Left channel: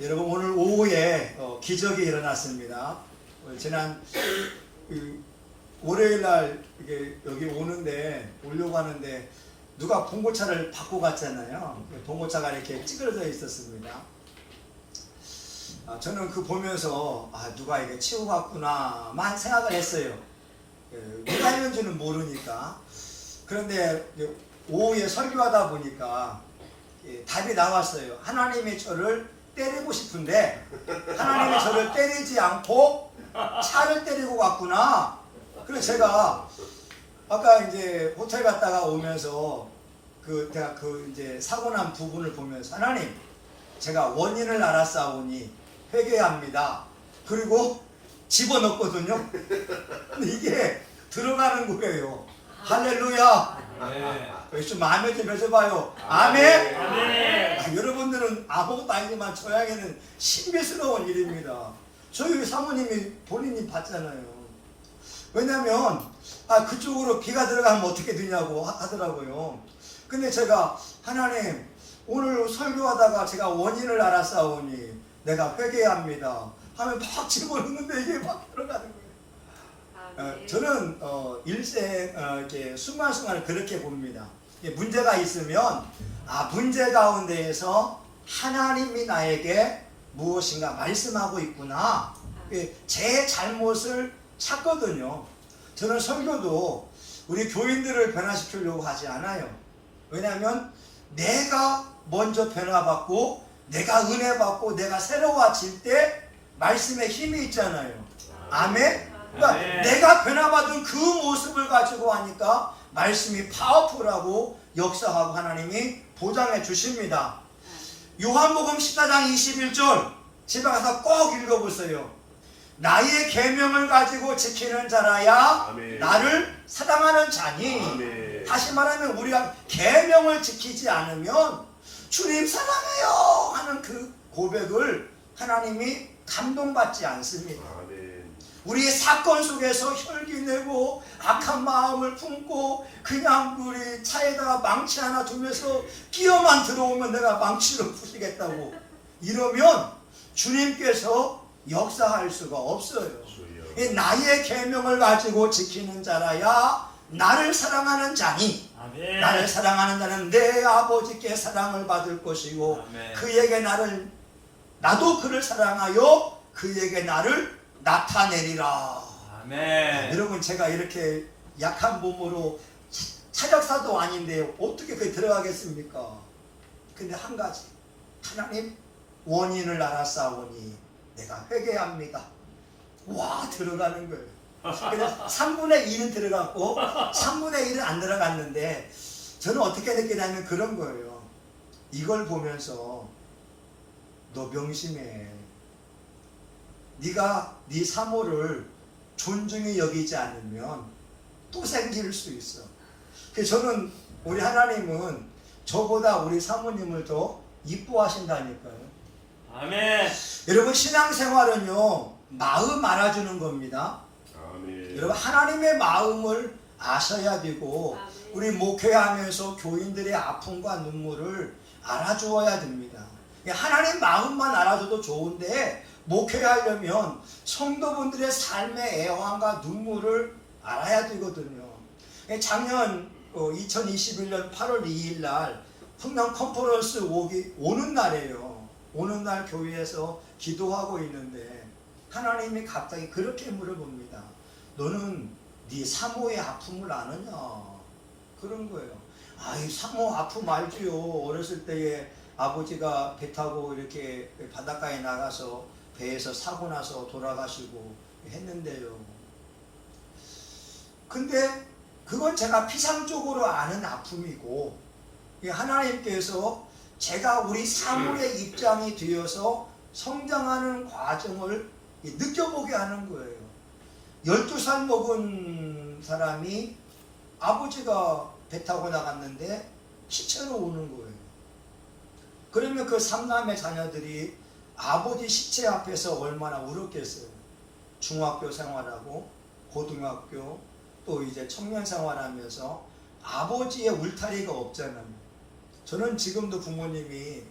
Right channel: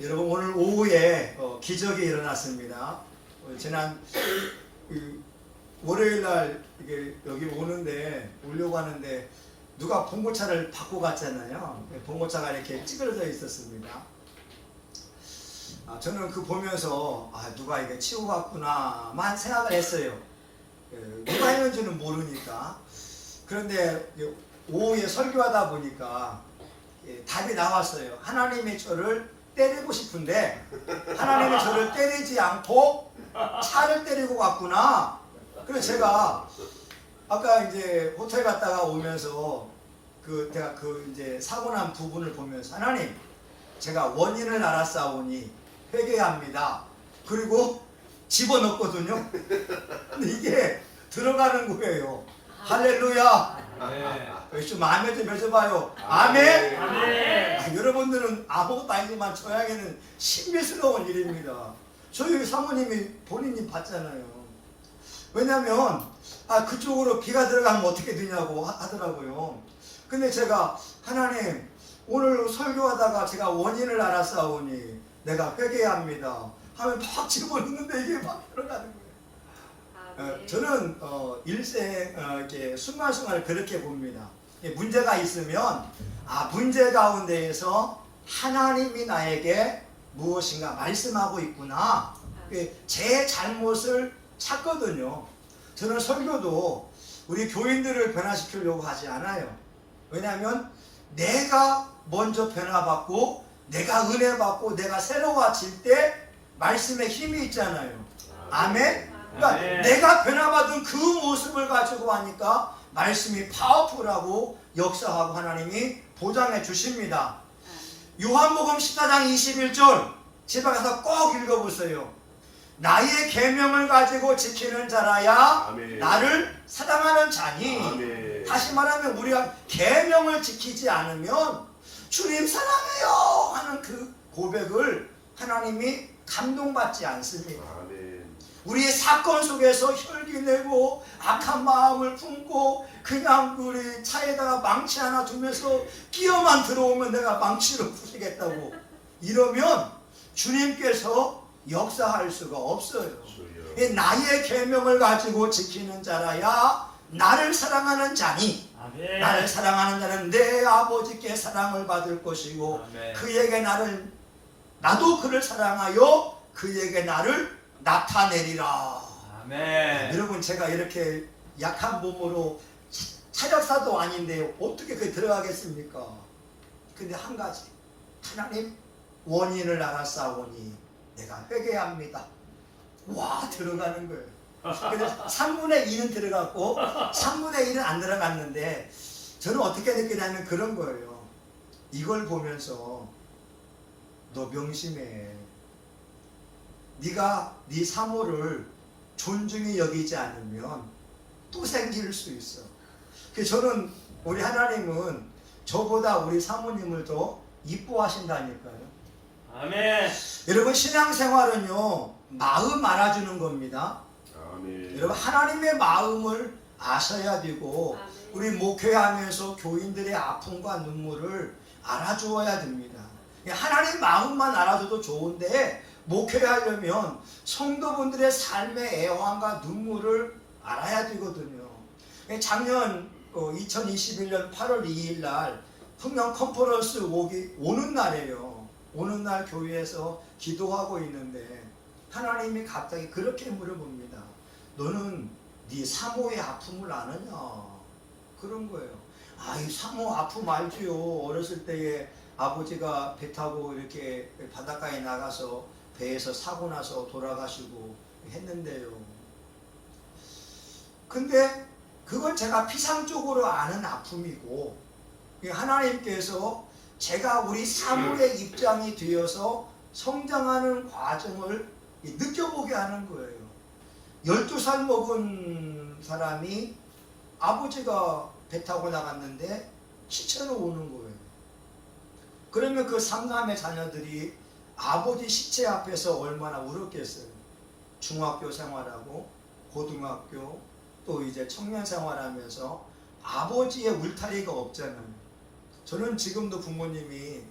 여러분 오늘 오후에 기적이 일어났습니다. 지난 월요일날 여기 오려고 하는데 누가 봉고차를 받고 갔잖아요. 봉고차가 이렇게 찌그러져 있었습니다. 저는 그 보면서 누가 이거 치고 갔구나만 생각을 했어요. 누가 했는지는 모르니까. 그런데 오후에 설교하다 보니까 답이 나왔어요. 하나님이 저를 때리고 싶은데 하나님이 저를 때리지 않고 차를 때리고 갔구나. 그래서 제가 아까 이제 호텔 갔다가 오면서 제가 이제 사고 난 부분을 보면서 하나님, 제가 원인을 알았사오니 회개합니다. 그리고 집어넣었거든요. 근데 이게 들어가는 거예요. 할렐루야. 좀 마음에 좀 해줘봐요. 아멘. 아멘. 여러분들은 아무것도 아니지만 저에게는 신비스러운 일입니다. 저희 사모님이 본인이 봤잖아요. 왜냐면 그쪽으로 비가 들어가면 어떻게 되냐고 하더라고요. 근데 제가 하나님, 오늘 설교하다가 제가 원인을 알았사오니 내가 회개합니다 하면 막 집어넣는데 이게 막 들어가는 거예요. 저는 일생 이렇게 순간순간을 그렇게 봅니다. 문제가 있으면 문제 가운데에서 하나님이 나에게 무엇인가 말씀하고 있구나, 제 잘못을 찾거든요. 저는 설교도 우리 교인들을 변화시키려고 하지 않아요. 왜냐하면 내가 먼저 변화받고 내가 은혜 받고 내가 새로워질 때 말씀에 힘이 있잖아요. 아멘. 그러니까 내가 변화받은 그 모습을 가지고 하니까 말씀이 파워풀하고 역사하고 하나님이 보장해 주십니다. 요한복음 14장 21절 집에 가서 꼭 읽어보세요. 나의 계명을 가지고 지키는 자라야 아멘. 나를 사랑하는 자니. 아멘. 다시 말하면 우리가 계명을 지키지 않으면 주님 사랑해요 하는 그 고백을 하나님이 감동받지 않습니다. 우리의 사건 속에서 혈기내고 악한 마음을 품고 그냥 우리 차에다가 망치 하나 두면서 끼어만 들어오면 내가 망치로 부수겠다고 이러면 주님께서 역사할 수가 없어요. 나의 계명을 가지고 지키는 자라야 나를 사랑하는 자니. 아멘. 나를 사랑하는 자는 내 아버지께 사랑을 받을 것이고 아멘. 그에게 나도 그를 사랑하여 그에게 나를 나타내리라. 아멘. 여러분, 제가 이렇게 약한 몸으로 차력사도 아닌데 어떻게 그게 들어가겠습니까? 근데 한 가지, 하나님, 원인을 알았사오니 내가 회개합니다. 와, 들어가는 거예요. 그래서 3분의 2는 들어갔고 3분의 1은 안 들어갔는데 저는 어떻게 느끼냐면 그런 거예요. 이걸 보면서 너 명심해. 네가 네 사모를 존중히 여기지 않으면 또 생길 수 있어. 그래서 저는 우리 하나님은 저보다 우리 사모님을 더 이뻐하신다니까요. 아멘. 여러분, 신앙생활은요 마음 알아주는 겁니다. 아멘. 여러분, 하나님의 마음을 아셔야 되고 아멘. 우리 목회하면서 교인들의 아픔과 눈물을 알아주어야 됩니다. 하나님 마음만 알아줘도 좋은데 목회하려면 성도분들의 삶의 애환과 눈물을 알아야 되거든요. 작년 2021년 8월 2일 날 풍령 컨퍼런스 오는 날이에요. 오는 날 교회에서 기도하고 있는데 하나님이 갑자기 그렇게 물어봅니다. 너는 네 사모의 아픔을 아느냐? 그런 거예요. 이 사모 아픔 알지요. 어렸을 때에 아버지가 배 타고 이렇게 바닷가에 나가서 배에서 사고 나서 돌아가시고 했는데요. 근데 그건 제가 피상적으로 아는 아픔이고 하나님께서 제가 우리 사모의 입장이 되어서 성장하는 과정을 느껴보게 하는 거예요. 12살 먹은 사람이 아버지가 배 타고 나갔는데 시체로 오는 거예요. 그러면 그 삼남의 자녀들이 아버지 시체 앞에서 얼마나 울었겠어요. 중학교 생활하고 고등학교 또 이제 청년 생활하면서 아버지의 울타리가 없잖아요. 저는 지금도 부모님이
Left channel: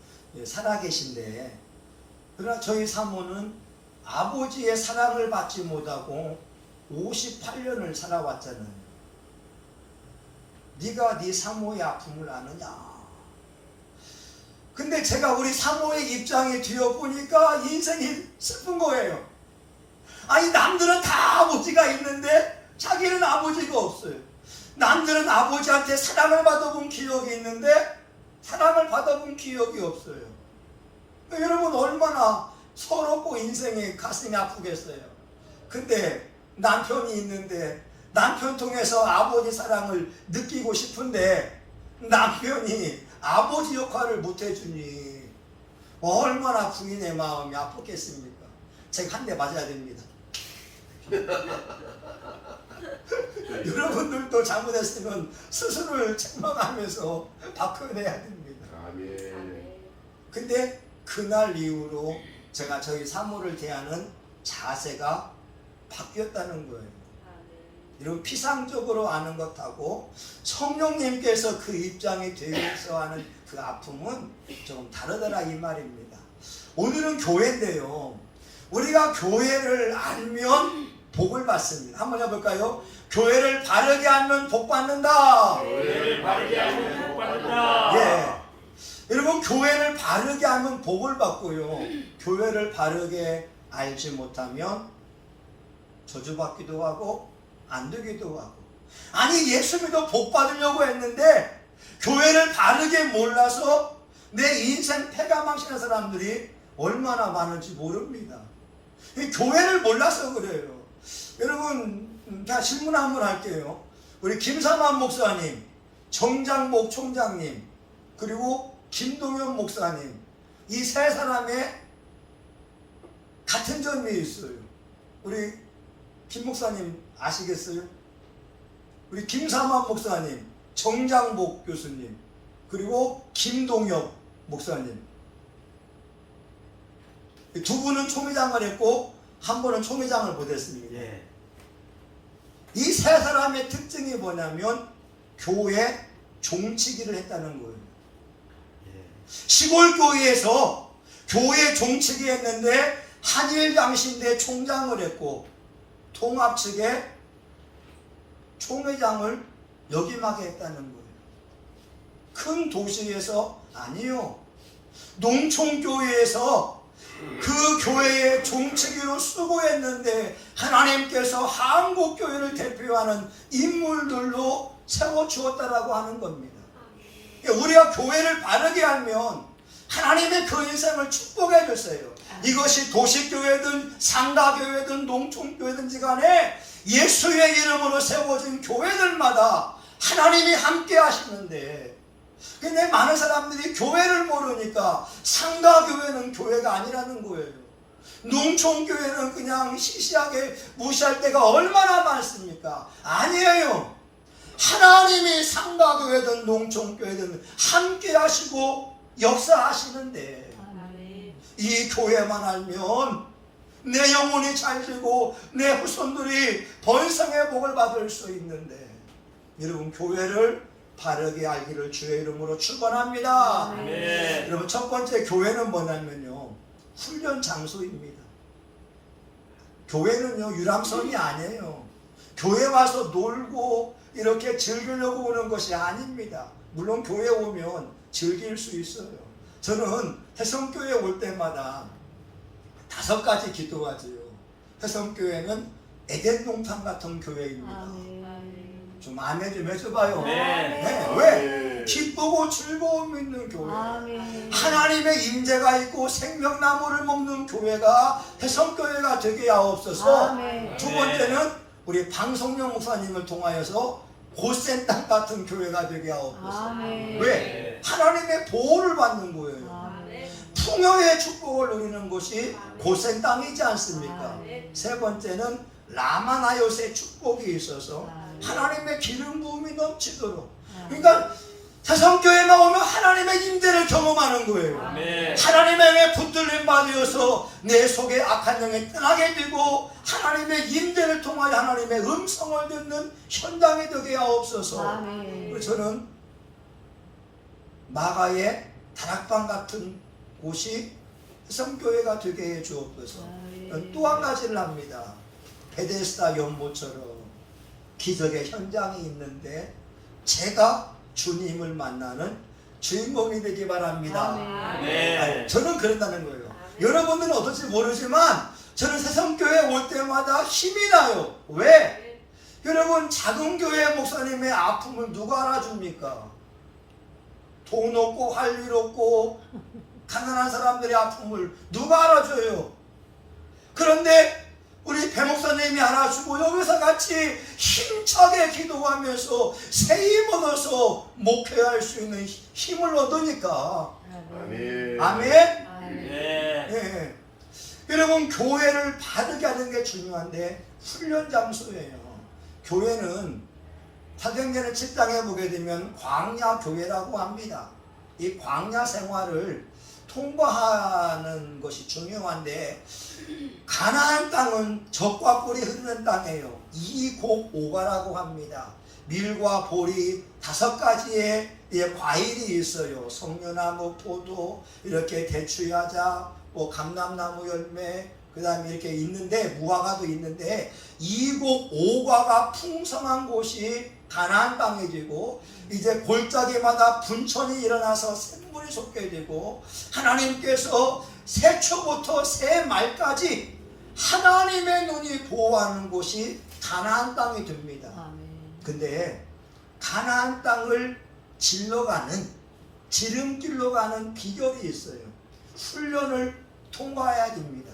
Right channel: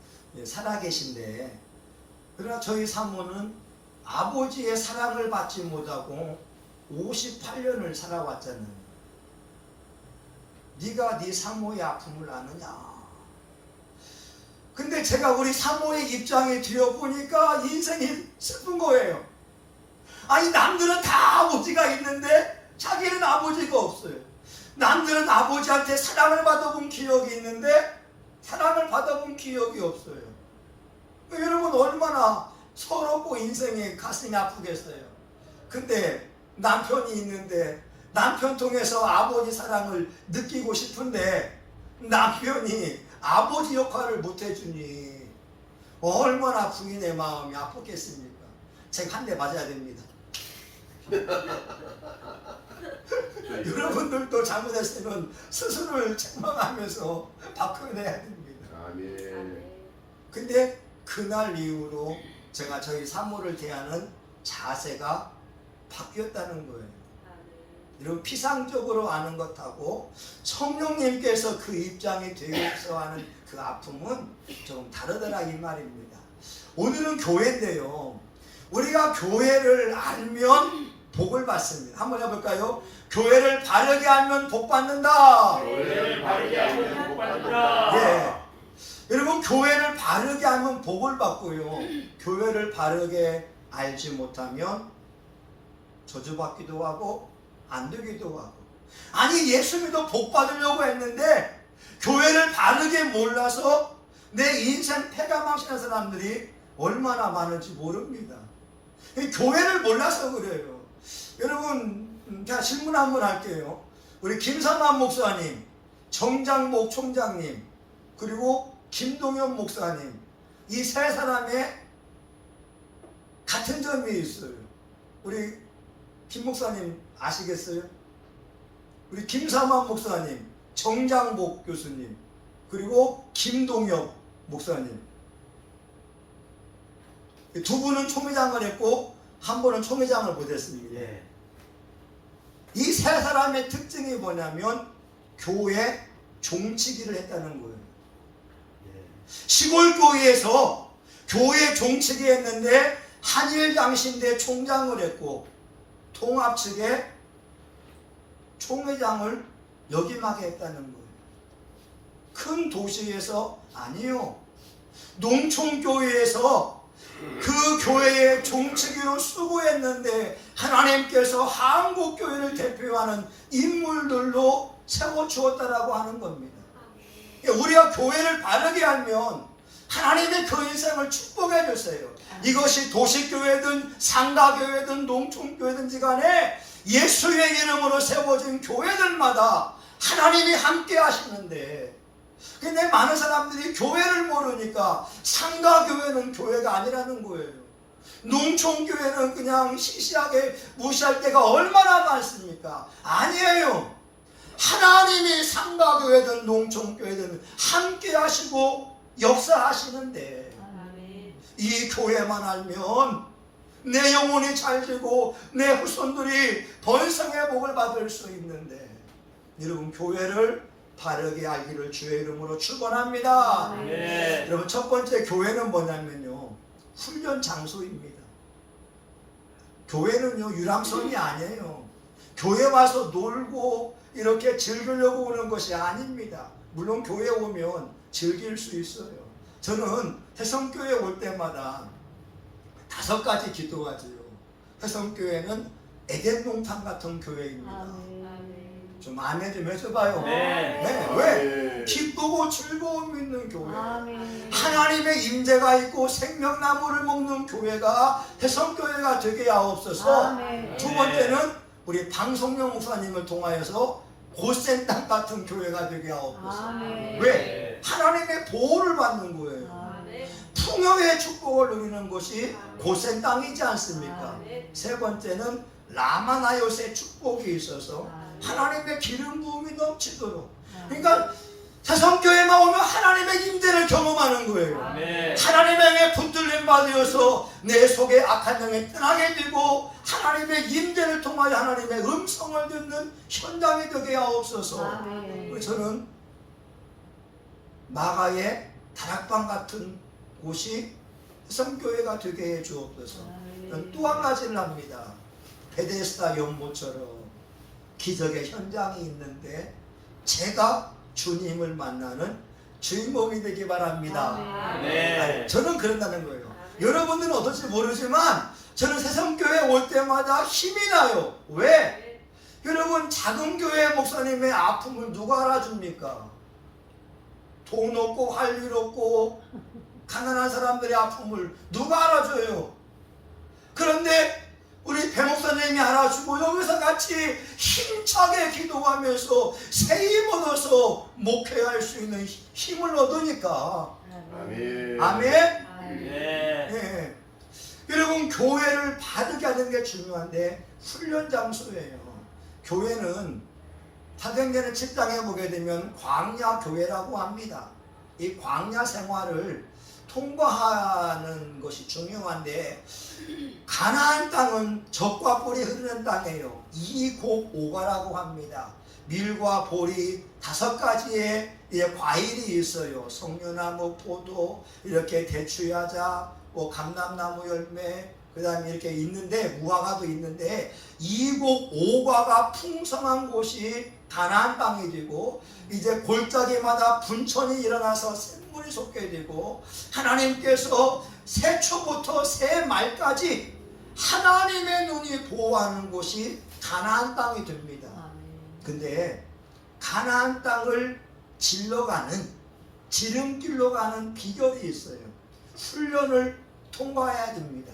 살아계신데 그러나 저희 사모는 아버지의 사랑을 받지 못하고 58년을 살아왔잖아요. 네가 네 사모의 아픔을 아느냐? 근데 제가 우리 사모의 입장에 뒤어보니까 인생이 슬픈 거예요. 아니, 남들은 다 아버지가 있는데 자기는 아버지가 없어요. 남들은 아버지한테 사랑을 받아본 기억이 있는데 사랑을 받아본 기억이 없어요. 여러분, 얼마나 서럽고 인생이 가슴이 아프겠어요. 근데 남편이 있는데 남편 통해서 아버지 사랑을 느끼고 싶은데 남편이 아버지 역할을 못해주니 얼마나 부인의 마음이 아팠겠습니까? 제가 한 대 맞아야 됩니다. 여러분들도 잘못했으면 스스로를 책망하면서 바꿔내야 됩니다. 근데 그날 이후로 제가 저희 사모를 대하는 자세가 바뀌었다는 거예요. 이런 피상적으로 아는 것하고 성령님께서 그 입장이 되어서 하는 그 아픔은 좀 다르더라 이 말입니다. 오늘은 교회인데요. 우리가 교회를 알면 복을 받습니다. 한번 해볼까요? 교회를 바르게 알면 복 받는다. 교회를 바르게 알면 복 받는다. 예. 여러분, 교회를 바르게 알면 복을 받고요. 교회를 바르게 알지 못하면 저주받기도 하고 안 되기도 하고. 아니, 예수 믿어 복 받으려고 했는데 교회를 바르게 몰라서 내 인생 패가망신한 사람들이 얼마나 많은지 모릅니다. 교회를 몰라서 그래요. 여러분, 다 질문 한번 할게요. 우리 김삼환 목사님, 정장복 총장님, 그리고 김동현 목사님, 이 세 사람의 같은 점이 있어요. 우리 김 목사님 아시겠어요? 우리 김삼환 목사님, 정장복 교수님, 그리고 김동혁 목사님, 두 분은 총회장을 했고 한 분은 총회장을 못했습니다. 예. 이 세 사람의 특징이 뭐냐면 교회 종치기를 했다는 거예요. 예. 시골교회에서 교회 종치기 했는데 한일장신대 총장을 했고 통합 측에 총회장을 역임하게 했다는 거예요. 큰 도시에서 아니요. 농촌교회에서 그 교회의 종치기로 수고했는데 하나님께서 한국교회를 대표하는 인물들로 세워주었다라고 하는 겁니다. 우리가 교회를 바르게 알면 하나님의 그 인생을 축복해 주세요. 이것이 도시교회든 상가교회든 농촌교회든지 간에 예수의 이름으로 세워진 교회들마다 하나님이 함께 하시는데, 근데 많은 사람들이 교회를 모르니까 상가교회는 교회가 아니라는 거예요. 농촌교회는 그냥 시시하게 무시할 때가 얼마나 많습니까? 아니에요. 하나님이 상가교회든 농촌교회든 함께 하시고 역사하시는데 이 교회만 알면 내 영혼이 잘 되고 내 후손들이 번성의 복을 받을 수 있는데, 여러분, 교회를 바르게 알기를 주의 이름으로 축원합니다. 네. 여러분, 첫 번째 교회는 뭐냐면요, 훈련 장소입니다. 교회는요 유람선이 아니에요. 교회 와서 놀고 이렇게 즐기려고 오는 것이 아닙니다. 물론 교회 오면 즐길 수 있어요. 저는 해성교회 올 때마다 5가지 기도하지요. 해성교회는 에덴 동산 같은 교회입니다. 좀 마음에 좀 해줘봐요. 네. 네. 왜? 기쁘고 즐거움 있는 교회. 하나님의 임재가 있고 생명나무를 먹는 교회가 해성교회가 되게 하옵소서. 두 번째는 우리 방송용 목사님을 통하여서 고센 땅 같은 교회가 되게 하옵소서. 왜? 하나님의 보호를 받는 거예요. 풍요의 축복을 누리는 것이 고센 땅이지 않습니까? 세 번째는 라마나요스의 축복이 있어서 하나님의 기름 부음이 넘치도록. 그러니까 해성교회만 오면 하나님의 임재를 경험하는 거예요. 네. 하나님의 영에 붙들림 받으셔서 내 속에 악한 영이 떠나게 되고 하나님의 임재를 통하여 하나님의 음성을 듣는 현장이 되게 하옵소서. 저는 마가의 다락방 같은 곳이 성교회가 되게 해 주옵소서. 또 한 가지를 합니다. 베데스다 연못처럼 기적의 현장이 있는데 제가 주님을 만나는 주인공이 되기 바랍니다. 아니, 저는 그런다는 거예요. 여러분들은 어떨지 모르지만 저는 새성교회 올 때마다 힘이 나요. 왜? 여러분, 작은 교회 목사님의 아픔을 누가 알아줍니까? 돈 없고 할 일 없고 가난한 사람들의 아픔을 누가 알아줘요? 그런데 우리 배 목사님이 알아주고 여기서 같이 힘차게 기도하면서 새 힘 얻어서 목회할 수 있는 힘을 얻으니까. 아멘. 네. 여러분, 교회를 바르게 하는 게 중요한데 훈련 장소예요. 교회는 사도행전을 7장에 보게 되면 광야 교회라고 합니다. 이 광야 생활을 통과하는 것이 중요한데 가나안 땅은 젖과 꿀이 흐르는 땅이에요. 이곡오가라고 합니다. 밀과 보리 5가지의 과일이 있어요. 석류나무, 포도, 이렇게 대추야자, 감람나무 열매, 그 다음에 이렇게 있는데 무화과도 있는데 이곡오가가 풍성한 곳이 가나안 땅이고 이제 골짜기마다 분천이 일어나서 샘물이 솟게되고 하나님께서 새초부터 새말까지 하나님의 눈이 보호하는 곳이 가나안 땅이 됩니다. 근데 가나안 땅을 질러가는 지름길로 가는 비결이 있어요. 훈련을 통과해야 됩니다.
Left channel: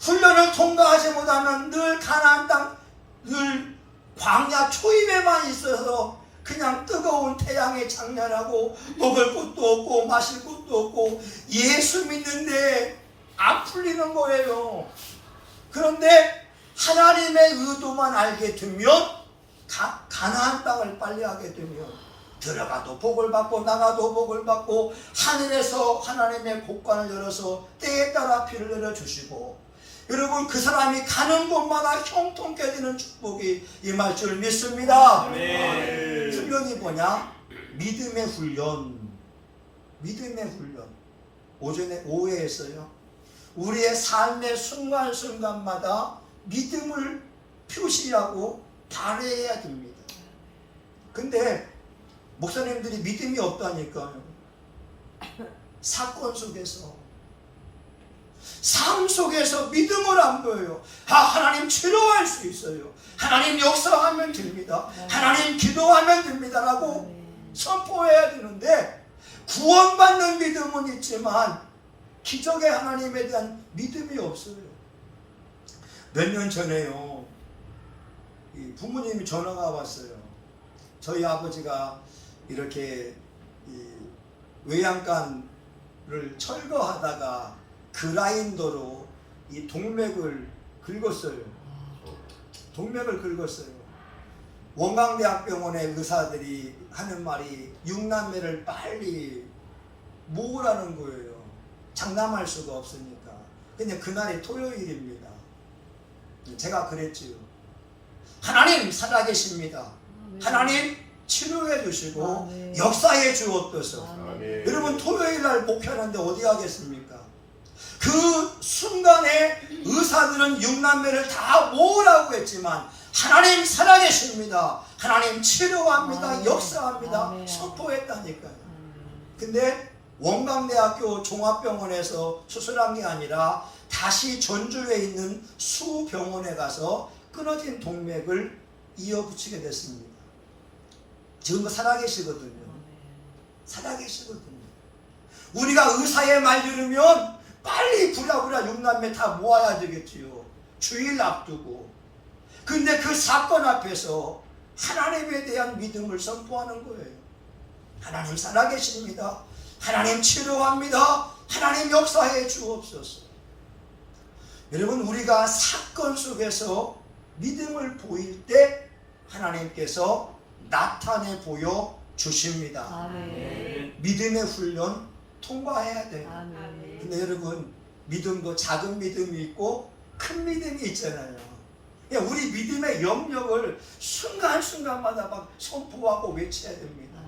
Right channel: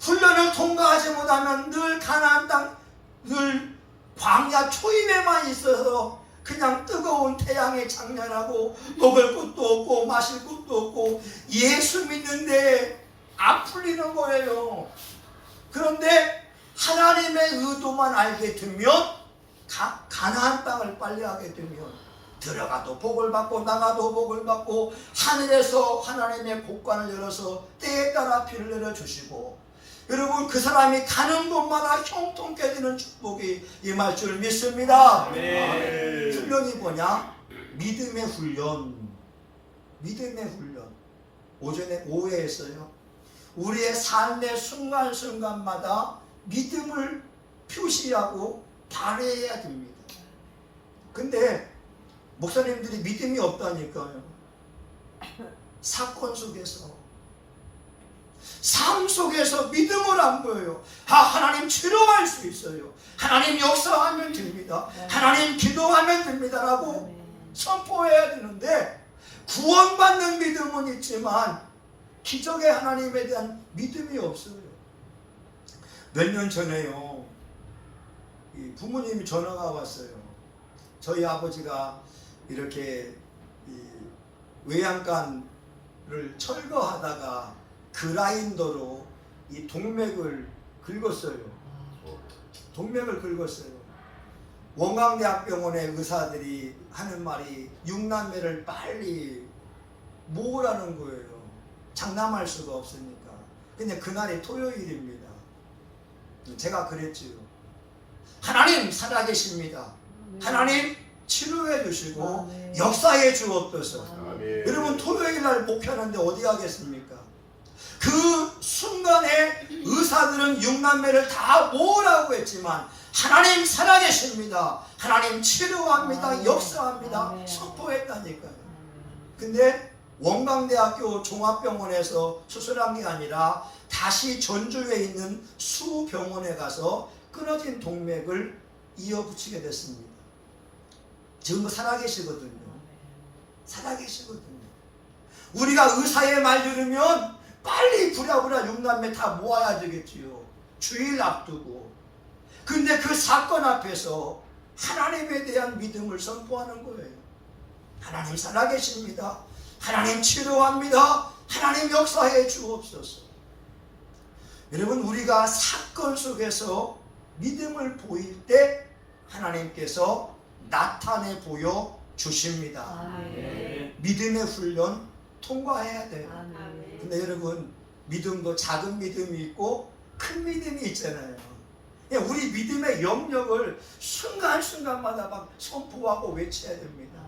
훈련을 통과하지 못하면 늘 가나안 땅, 늘 광야 초입에만 있어서 그냥 뜨거운 태양에 장렬하고 먹을 것도 없고 마실 것도 없고 예수 믿는데 안 풀리는 거예요. 그런데 하나님의 의도만 알게 되면 가나안 땅을 빨리 하게 되면 들어가도 복을 받고 나가도 복을 받고 하늘에서 하나님의 곳간을 열어서 때에 따라 비를 내려주시고 여러분, 그 사람이 가는 곳마다 형통케 되는 축복이 임할 줄 믿습니다. 훈련이 뭐냐? 믿음의 훈련. 믿음의 훈련. 오후에 했어요. 우리의 삶의 순간순간마다 믿음을 표시하고 발휘해야 됩니다. 근데 목사님들이 믿음이 없다니까요. 사건 속에서, 삶 속에서 믿음을 안 보여요. 하나님 치료할 수 있어요. 하나님 역사하면 됩니다. 하나님 기도하면 됩니다라고 선포해야 되는데 구원받는 믿음은 있지만 기적의 하나님에 대한 믿음이 없어요. 몇 년 전에요, 부모님이 전화가 왔어요. 저희 아버지가 이렇게 외양간을 철거하다가 그라인더로 이 동맥을 긁었어요. 동맥을 긁었어요. 원광대학병원의 의사들이 하는 말이 6남매를 빨리 모으라는 거예요. 장담할 수가 없으니까. 근데 그날이 토요일입니다. 제가 그랬지요. 하나님 살아계십니다. 하나님 치료해 주시고 역사해 주옵소서. 여러분, 토요일 날 목회하는데 어디 하겠습니까? 그 순간에 의사들은 6남매를 다 모으라고 했지만 하나님 살아계십니다. 하나님 치료합니다. 역사합니다. 선포했다니까요. 근데 원광대학교 종합병원에서 수술한 게 아니라 다시 전주에 있는 수병원에 가서 끊어진 동맥을 이어붙이게 됐습니다. 지금 살아계시거든요. 살아계시거든요. 우리가 의사의 말 들으면 빨리 부랴부랴 6남매 다 모아야 되겠지요. 주일 앞두고. 근데 그 사건 앞에서 하나님에 대한 믿음을 선포하는 거예요. 하나님 살아계십니다. 하나님 치료합니다. 하나님 역사해 주옵소서. 여러분, 우리가 사건 속에서 믿음을 보일 때 하나님께서 나타내 보여 주십니다. 믿음의 훈련 통과해야 돼요. 근데 여러분, 믿음도 작은 믿음이 있고 큰 믿음이 있잖아요. 우리 믿음의 영역을 순간순간마다 막 선포하고 외쳐야 됩니다.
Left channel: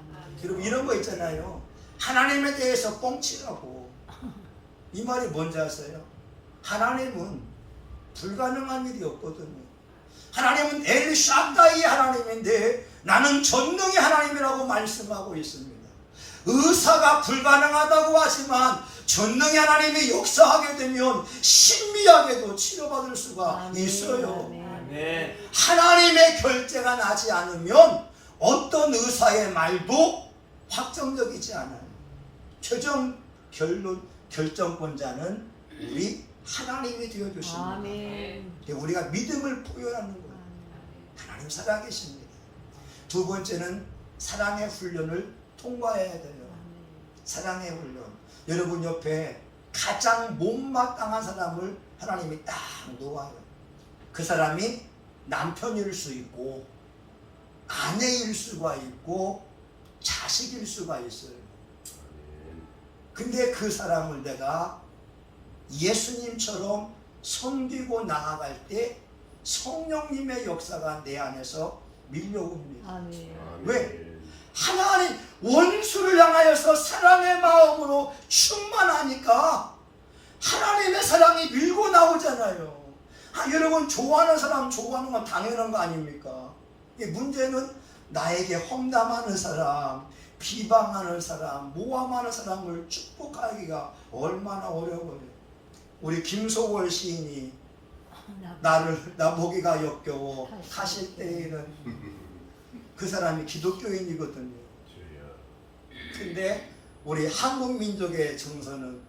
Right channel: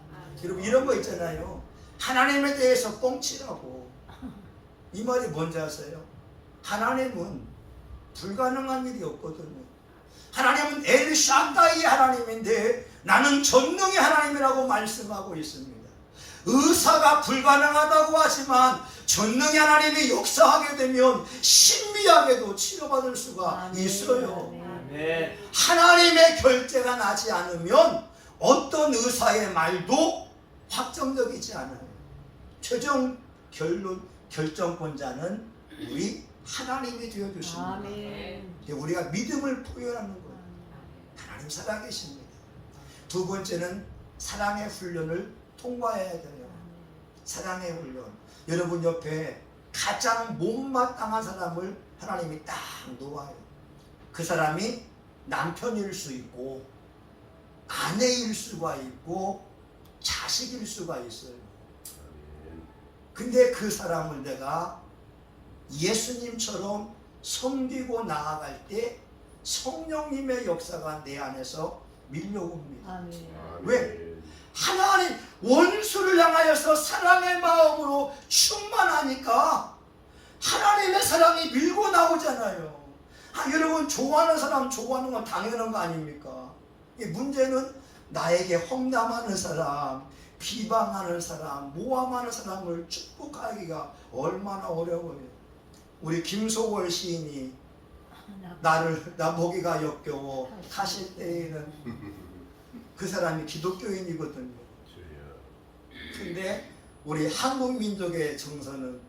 여러분, 이런 거 있잖아요. 하나님에 대해서 뻥치라고. 이 말이 뭔지 아세요? 하나님은 불가능한 일이 없거든요. 하나님은 엘샤다이 하나님인데 나는 전능의 하나님이라고 말씀하고 있습니다. 의사가 불가능하다고 하지만 전능의 하나님이 역사하게 되면 신비하게도 치료받을 수가 있어요. 아멘. 하나님의 결제가 나지 않으면 어떤 의사의 말도 확정적이지 않아요. 최종 결정권자는 우리 하나님이 되어주십니다. 우리가 믿음을 포용하는 거예요. 하나님 살아계십니다. 두 번째는 사랑의 훈련을 통과해야 돼요. 사랑의 훈련. 여러분 옆에 가장 못마땅한 사람을 하나님이 딱 놓아요. 그 사람이 남편일 수 있고 아내일 수가 있고 자식일 수가 있어요. 근데 그 사람을 내가 예수님처럼 섬기고 나아갈 때 성령님의 역사가 내 안에서 밀려옵니다. 왜? 하나님 원수를 향하여서 사랑의 마음으로 충만하니까 하나님의 사랑이 밀고 나오잖아요. 여러분 좋아하는 사람 좋아하는 건 당연한 거 아닙니까? 문제는 나에게 험담하는 사람, 비방하는 사람, 모함하는 사람을 축복하기가 얼마나 어려워요. 우리 김소월 시인이 나 보기가 역겨워 하실 때에는 그 사람이 기독교인이거든요. 근데 우리 한국 민족의 정서는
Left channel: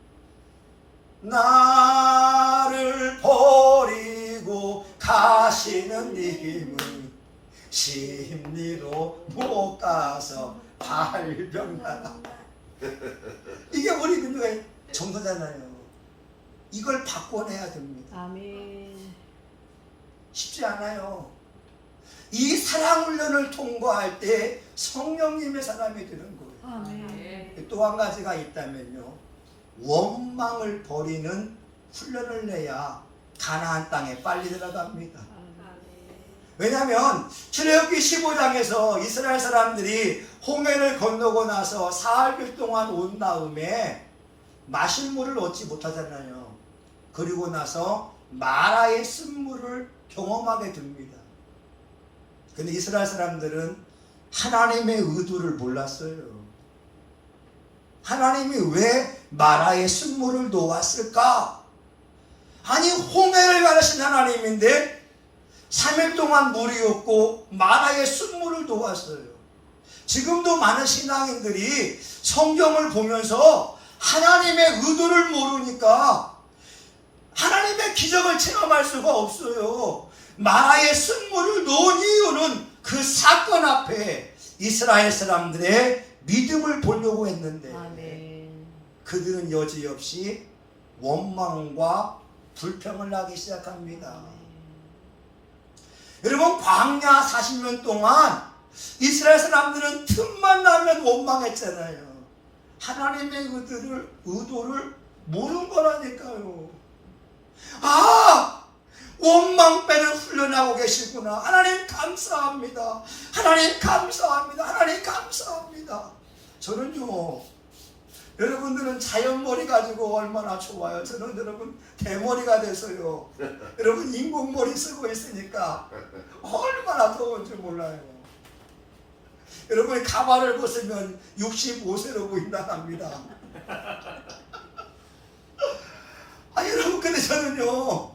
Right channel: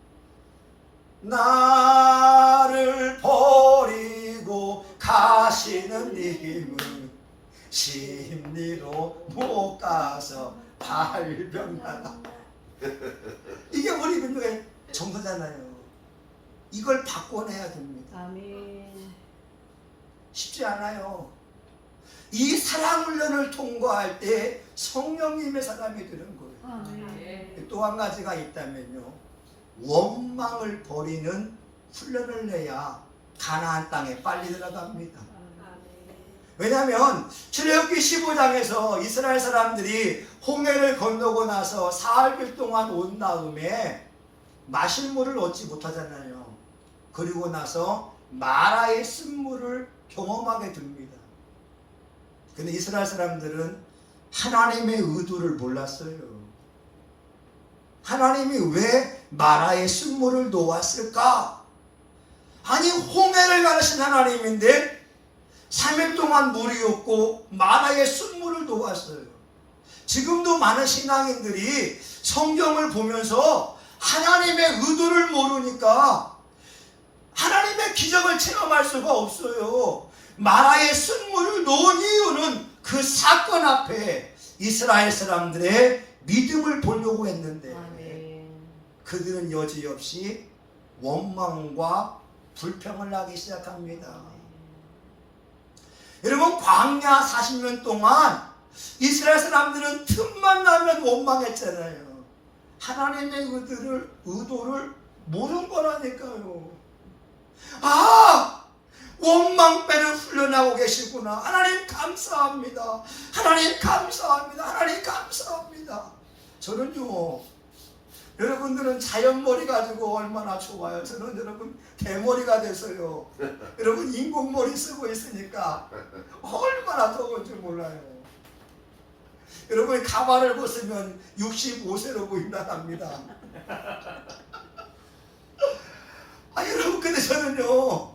나를 버리고 가시는 님은 심리로 못 가서 발병나가. 이게 우리 민족의 정서잖아요. 이걸 바꿔내야 됩니다. 아멘. 쉽지 않아요. 이 사랑 훈련을 통과할 때 성령님의 사람이 되는 거예요. 아멘. 또 한 가지가 있다면요, 원망을 버리는 훈련을 내야 가나안 땅에 빨리 들어갑니다. 왜냐하면 출애굽기 15장에서 이스라엘 사람들이 홍해를 건너고 나서 사흘 동안 온 다음에 마실 물을 얻지 못하잖아요. 그리고 나서 마라의 쓴물을 경험하게 됩니다. 근데 이스라엘 사람들은 하나님의 의도를 몰랐어요. 하나님이 왜 마라의 쓴물을 놓았을까? 아니 홍해를 가르신 하나님인데 3일 동안 물이 없고 마라의 쓴물을 놓았어요. 지금도 많은 신앙인들이 성경을 보면서 하나님의 의도를 모르니까 하나님의 기적을 체험할 수가 없어요. 마라의 쓴물을 놓은 이유는 그 사건 앞에 이스라엘 사람들의 믿음을 보려고 했는데 그들은 여지없이 원망과 불평을 하기 시작합니다. 여러분 광야 40년 동안 이스라엘 사람들은 틈만 나면 원망했잖아요. 하나님의 의도를 모르는 거라니까요. 원망 빼는 훈련하고 계시구나. 하나님 감사합니다. 하나님 감사합니다. 하나님 감사합니다. 저는요, 여러분들은 자연머리 가지고 얼마나 좋아요. 저는 여러분 대머리가 돼서요. 여러분 인공머리 쓰고 있으니까 얼마나 더운지 몰라요. 여러분 가발을 벗으면 65세로 보인다합니다. 여러분 근데 저는요,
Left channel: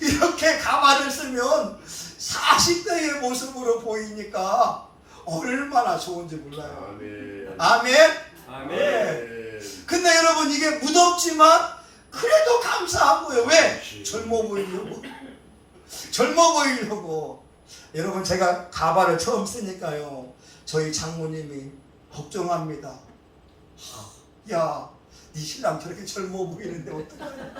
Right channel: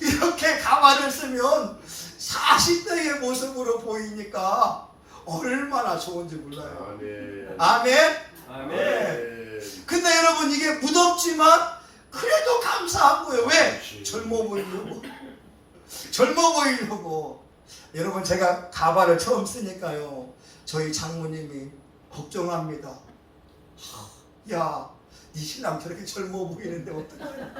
이렇게 가발을 쓰면 40대의 모습으로 보이니까 얼마나 좋은지 몰라요. 아멘. 아멘. 근데 여러분 이게 무덥지만 그래도 감사한 거예요. 왜? 젊어 보이려고. 젊어 보이려고. 여러분 제가 가발을 처음 쓰니까요, 저희 장모님이 걱정합니다. 야, 네 신랑 저렇게 젊어 보이는데 어떡하냐.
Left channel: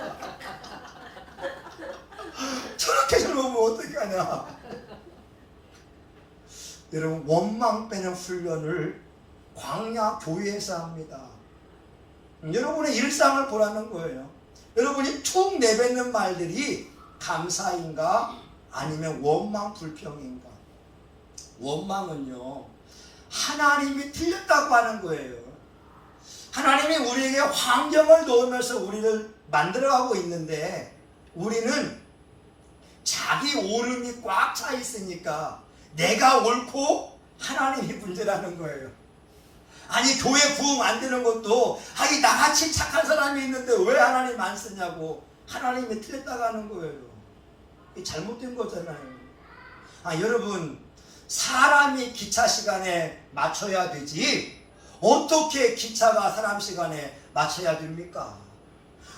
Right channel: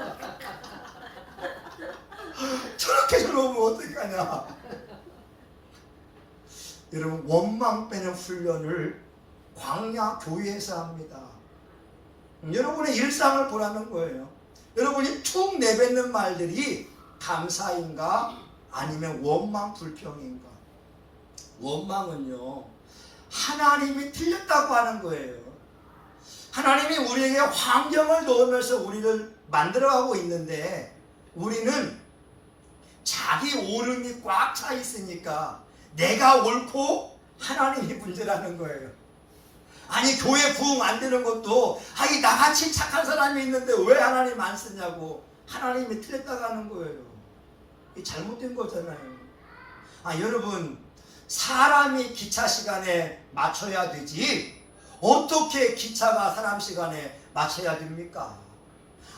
저렇게 젊으면 어떡하냐. 여러분 원망 빼는 훈련을 광야 교회에서 합니다. 여러분의 일상을 보라는 거예요. 여러분이 툭 내뱉는 말들이 감사인가 아니면 원망 불평인가. 원망은요, 하나님이 틀렸다고 하는 거예요. 하나님이 우리에게 환경을 놓으면서 우리를 만들어가고 있는데 우리는 자기 오름이 꽉 차 있으니까 내가 옳고 하나님이 문제라는 거예요. 아니 교회 부흥 안 되는 것도 아니 나같이 착한 사람이 있는데 왜 하나님 안 쓰냐고 하나님이 틀렸다고 하는 거예요. 이게 잘못된 거잖아요. 여러분 사람이 기차 시간에 맞춰야 되지 어떻게 기차가 사람 시간에 맞춰야 됩니까?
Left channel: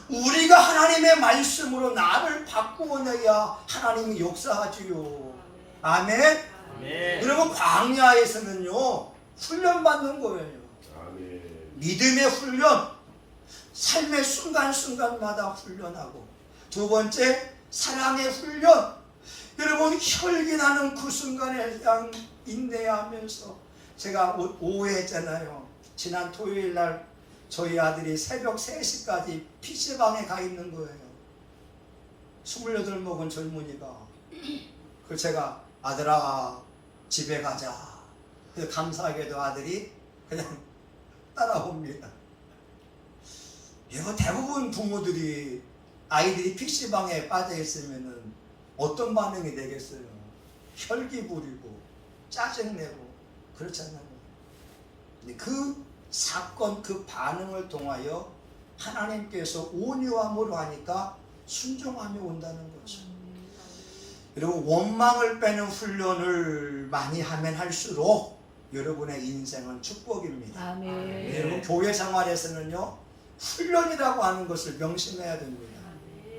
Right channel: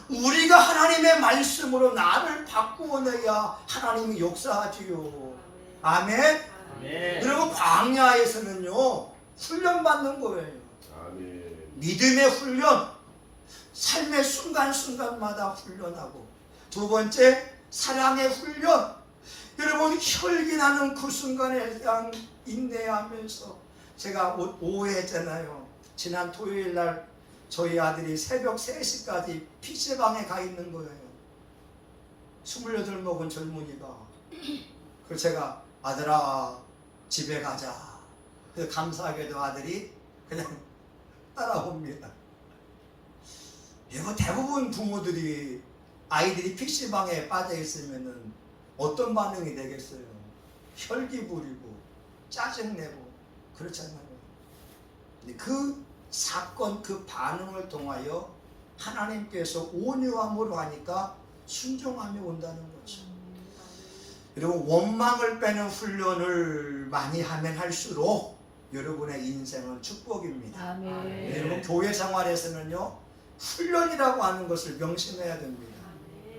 우리가 하나님의 말씀으로 나를 바꾸어내야 하나님이 역사하지요. 아멘? 아멘. 여러분 광야에서는요 훈련받는 거예요. 믿음의 훈련, 삶의 순간순간마다 훈련하고 두 번째 사랑의 훈련. 여러분 혈기나는 그 순간에 그냥 인내하면서 제가 오해했잖아요. 지난 토요일 날 저희 아들이 새벽 3시까지 PC방에 가 있는 거예요. 28 먹은 젊은이가. 그래서 제가 아들아 집에 가자. 그래서 감사하게도 아들이 그냥 따라옵니다. 이거 대부분 부모들이 아이들이 PC방에 빠져 있으면은 어떤 반응이 되겠어요? 혈기 부리고 짜증내고 그렇잖아요. 근데 그 사건 그 반응을 통하여 하나님께서 온유함으로 하니까 순종함이 온다는 거죠. 그리고 원망을 빼는 훈련을 많이 하면 할수록 여러분의 인생은 축복입니다. 아멘. 여러분 교회 생활에서는요 훈련이라고 하는 것을 명심해야 됩니다.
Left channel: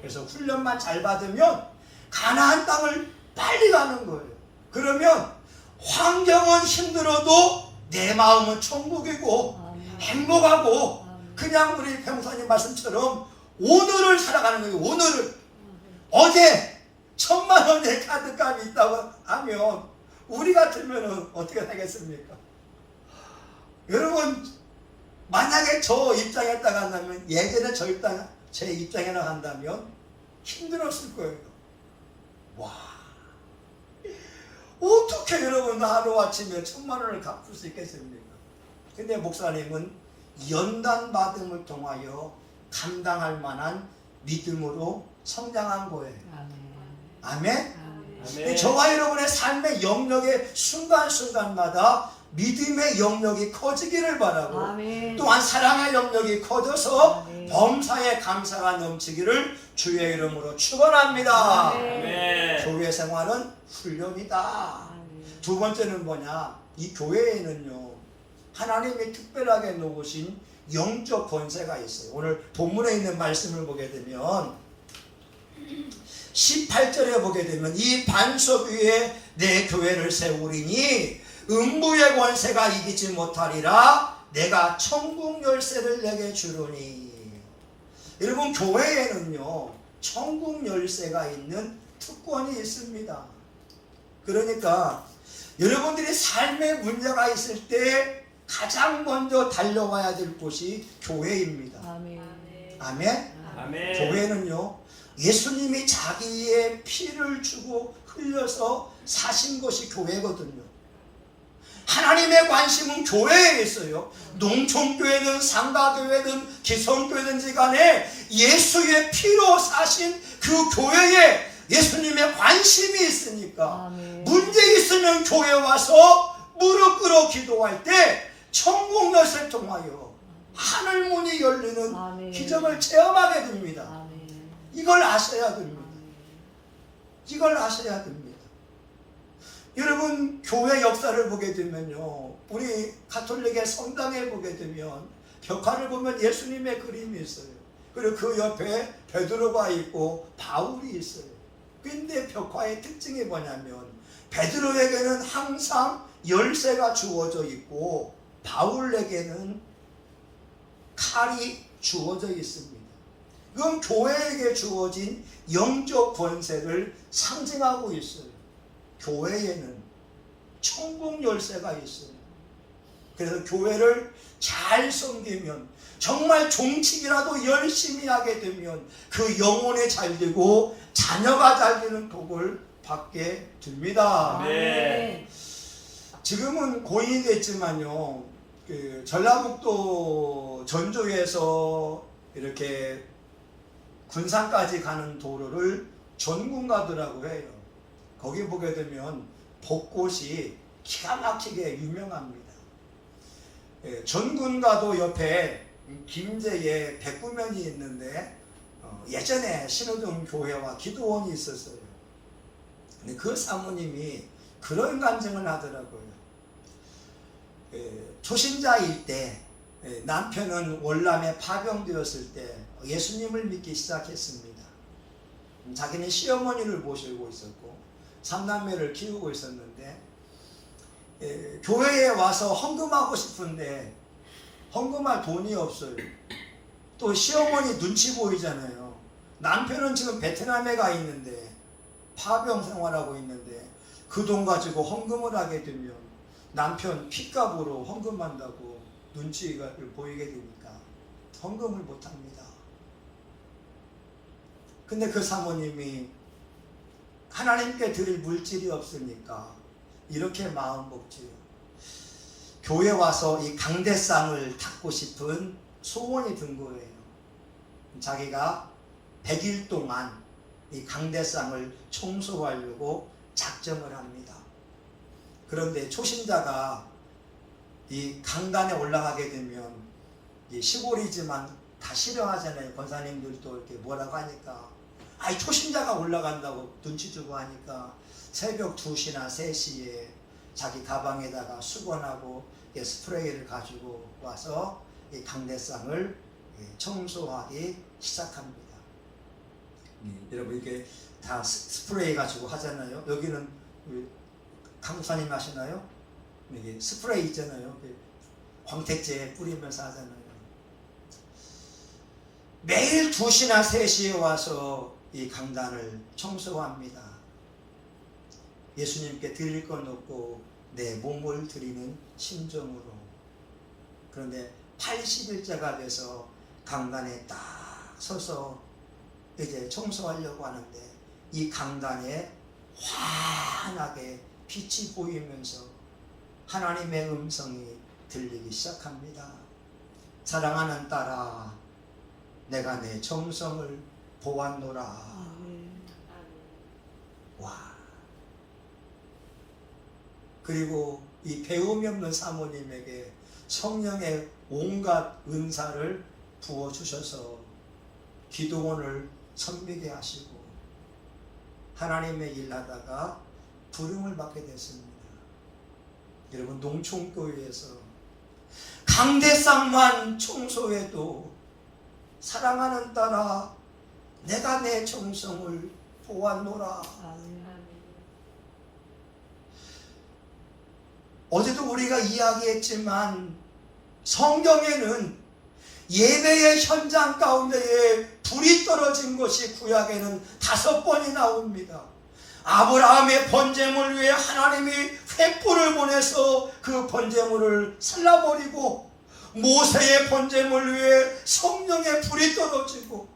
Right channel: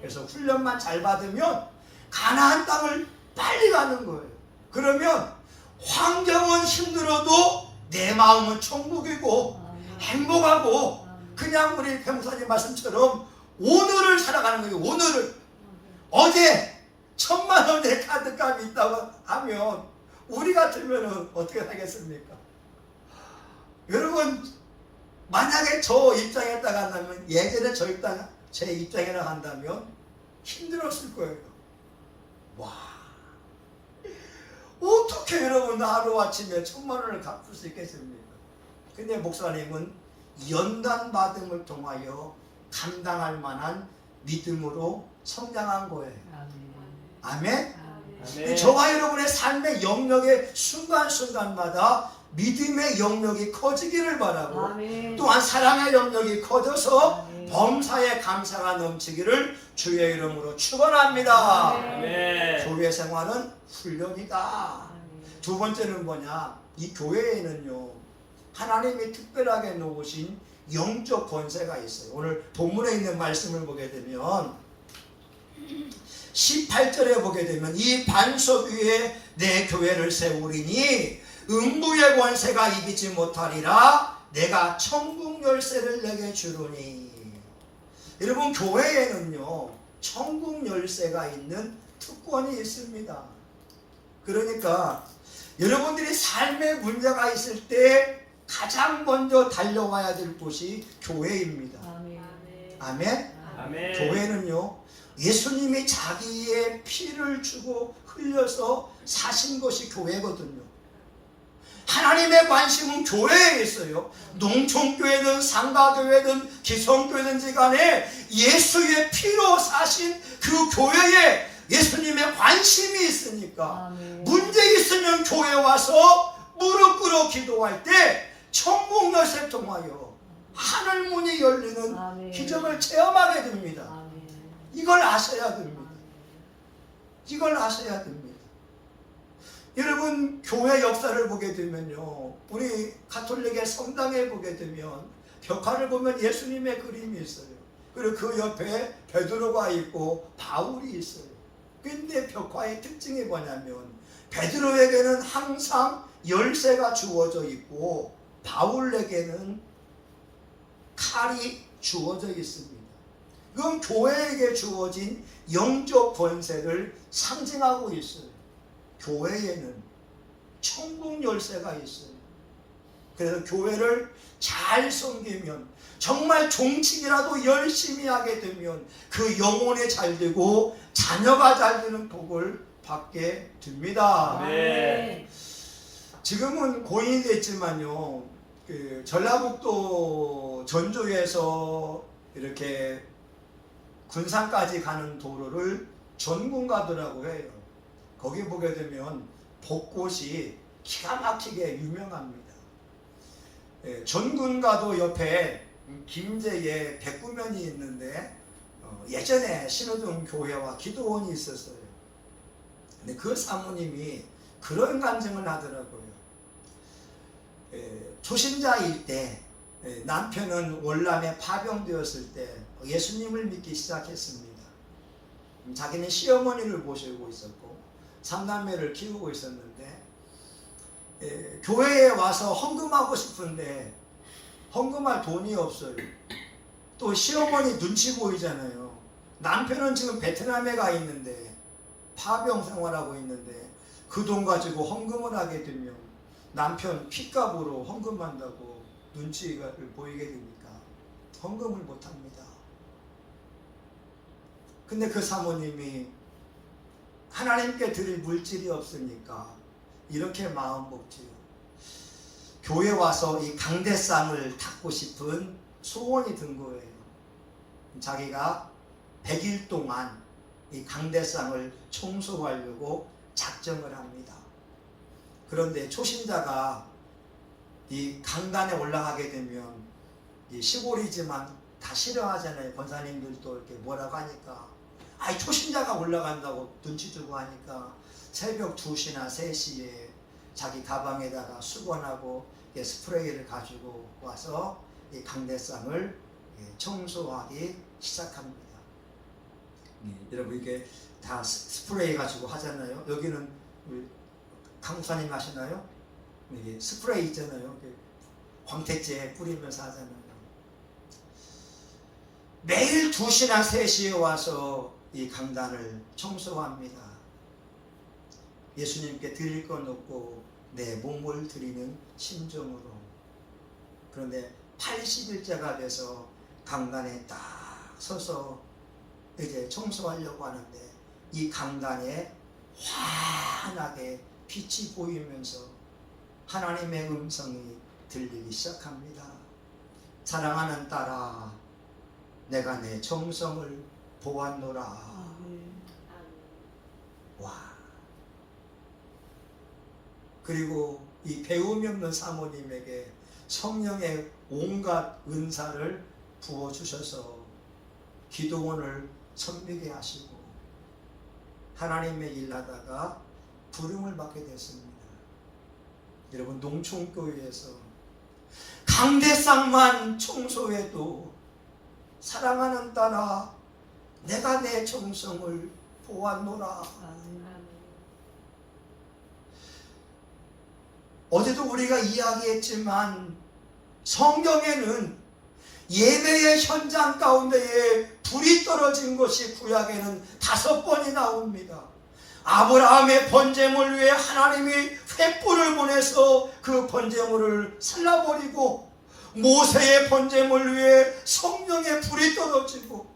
그래서 훈련만 잘 받으면 가나안 땅을 빨리 가는 거예요. 그러면 환경은 힘들어도 내 마음은 천국이고 행복하고 그냥 우리 평사님 말씀처럼 오늘을 살아가는 거예요. 오늘을. 어제 1000만 원의 카드값이 있다고 하면 우리 같으면 어떻게 하겠습니까? 여러분 만약에 저 입장에다가 한다면 예전에 제 입장에나 한다면 힘들었을 거예요. 와 어떻게 여러분 하루아침에 1000만 원을 갚을 수 있겠습니까? 근데 목사님은 연단 받음을 통하여 감당할 만한 믿음으로 성장한 거예요. 아멘? 아멘. 저와 여러분의 삶의 영역의 순간순간마다 믿음의 영역이 커지기를 바라고 아멘. 또한 사랑의 영역이 커져서 아멘. 범사에 감사가 넘치기를 주의 이름으로 축원합니다. 아멘. 교회 생활은 훈련이다. 두 번째는 뭐냐? 이 교회에는요 하나님이 특별하게 놓으신 영적 권세가 있어요. 오늘 본문에 있는 말씀을 보게 되면 18절에 보게 되면 이 반석 위에 내 교회를 세우리니 음부의 권세가 이기지 못하리라. 내가 천국 열쇠를 내게 주노니. 여러분 교회에는요 천국 열쇠가 있는 특권이 있습니다. 그러니까 여러분들이 삶의 문제가 있을 때 가장 먼저 달려와야 될 곳이 교회입니다. 아멘? 아멘. 교회는요 예수님이 자기의 피를 주고 흘려서 사신 것이 교회거든요. 하나님의 관심은 교회에 있어요. 농촌교회든 상가교회든 기성교회든지 간에 예수의 피로 사신 그 교회에 예수님의 관심이 있으니까 문제 있으면 교회 와서 무릎 꿇어 기도할 때 천국 열쇠 통하여 하늘 문이 열리는 기적을 체험하게 됩니다. 이걸 아셔야 됩니다. 이걸 아셔야 됩니다. 여러분 교회 역사를 보게 되면요 우리 가톨릭의 성당에 보게 되면 벽화를 보면 예수님의 그림이 있어요. 그리고 그 옆에 베드로가 있고 바울이 있어요. 근데 벽화의 특징이 뭐냐면 베드로에게는 항상 열쇠가 주어져 있고 바울에게는 칼이 주어져 있습니다. 이건 교회에게 주어진 영적 권세를 상징하고 있어요. 교회에는 천국 열쇠가 있어요. 그래서 교회를 잘 섬기면 정말 종칙이라도 열심히 하게 되면 그 영혼이 잘 되고 자녀가 잘 되는 복을 받게 됩니다. 네. 지금은 고인이 됐지만요 그 전라북도 전주에서 이렇게 군산까지 가는 도로를 전군가도라고 해요. 거기 보게 되면 벚꽃이 기가 막히게 유명합니다. 전군가도 옆에 김제에 백구면이 있는데 예전에 신호등 교회와 기도원이 있었어요. 근데 그 사모님이 그런 간증을 하더라고요. 초신자일 때 남편은 월남에 파병되었을 때 예수님을 믿기 시작했습니다. 자기는 시어머니를 모시고 있었고 삼남매를 키우고 있었는데 교회에 와서 헌금하고 싶은데 헌금할 돈이 없어요. 또 시어머니 눈치 보이잖아요. 남편은 지금 베트남에 가 있는데 파병 생활하고 있는데 그 돈 가지고 헌금을 하게 되면 남편 핏값으로 헌금한다고 눈치를 보이게 되니까 헌금을 못합니다. 근데 그 사모님이 하나님께 드릴 물질이 없으니까 이렇게 마음 먹지요. 교회 와서 이 강대상을 닦고 싶은 소원이 든 거예요. 자기가 100일 동안 이 강대상을 청소하려고 작정을 합니다. 그런데 초신자가 이 강단에 올라가게 되면 이 시골이지만 다 싫어하잖아요. 권사님들도 이렇게 뭐라고 하니까 아이 초신자가 올라간다고 눈치 주고 하니까 새벽 2시나 3시에 자기 가방에다가 수건하고 스프레이를 가지고 와서 이 강대상을 청소하기 시작합니다. 여러분 이게 다 스프레이 가지고 하잖아요. 여기는 강사님 하시나요? 이게 스프레이 있잖아요. 광택제 뿌리면서 하잖아요. 매일 2시나 3시에 와서 이 강단을 청소합니다. 예수님께 드릴 건 없고 내 몸을 드리는 심정으로. 그런데 80일째가 돼서 강단에 딱 서서 이제 청소하려고 하는데 이 강단에 환하게 빛이 보이면서 하나님의 음성이 들리기 시작합니다. 사랑하는 딸아, 내가 내 정성을 보았노라. 와. 그리고 이 배움이 없는 사모님에게 성령의 온갖 은사를 부어주셔서 기도원을 섬기게 하시고 하나님의 일하다가 부름을 받게 됐습니다. 여러분 농촌교회에서 강대상만 청소해도 사랑하는 딸아 내가 내 정성을 보았노라. 어제도 우리가 이야기했지만 성경에는 예배의 현장 가운데에 불이 떨어진 것이 구약에는 5번이 나옵니다. 아브라함의 번제물 위에 하나님이 횃불을 보내서 그 번제물을 살라버리고 모세의 번제물 위에 성령의 불이 떨어지고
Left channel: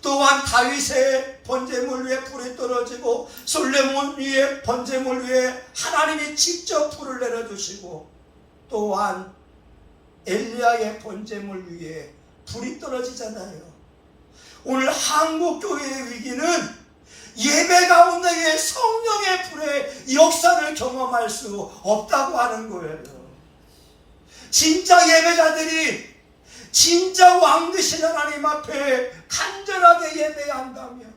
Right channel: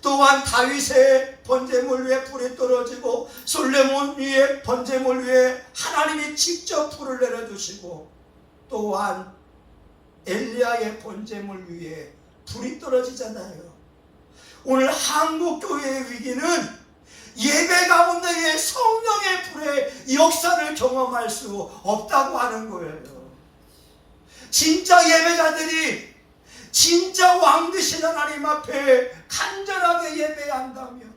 또한 다윗의 번제물 위에 불이 떨어지고 솔로몬 위에 번제물 위에 하나님이 직접 불을 내려주시고 또한 엘리야의 번제물 위에 불이 떨어지잖아요. 오늘 한국교회의 위기는 예배 가운데에 성령의 불의 역사를 경험할 수 없다고 하는 거예요. 진짜 예배자들이 진짜 왕 되신 하나님 앞에 간절하게 예배한다면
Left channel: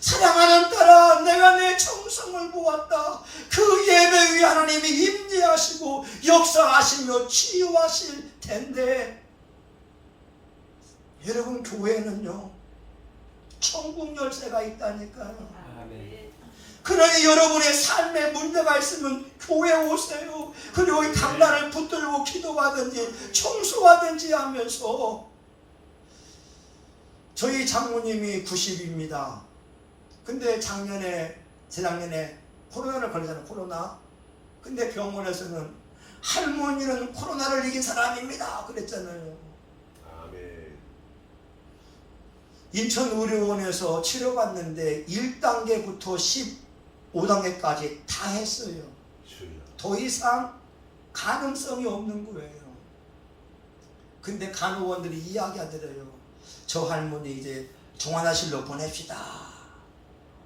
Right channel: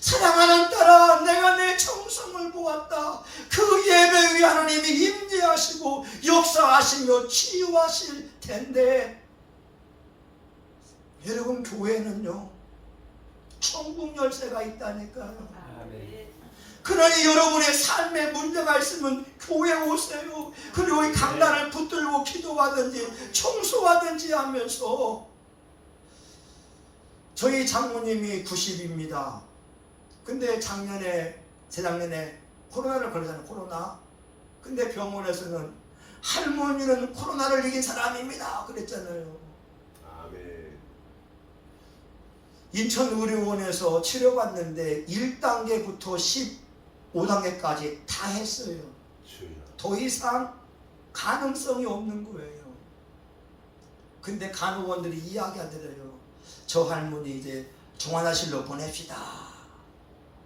사랑하는 딸아 내가 내 정성을 보았다. 그 예배 위에 하나님이 임재하시고 역사하시며 치유하실 텐데 여러분 교회는요 천국 열쇠가 있다니까요. 그러니 여러분의 삶에 문제가 있으면 교회 오세요. 그리고 이 강단을 붙들고 기도하든지 청소하든지 하면서 저희 장모님이 90입니다. 근데 재작년에 코로나를 걸렸잖아요. 코로나. 근데 병원에서는 할머니는 코로나를 이긴 사람입니다 그랬잖아요. 아멘. 인천의료원에서 치료받는데 1단계부터 15단계까지 다 했어요. 주여. 더 이상 가능성이 없는 거예요. 근데 간호원들이 이야기하더래요. 저 할머니 이제 중환자실로 보냅시다.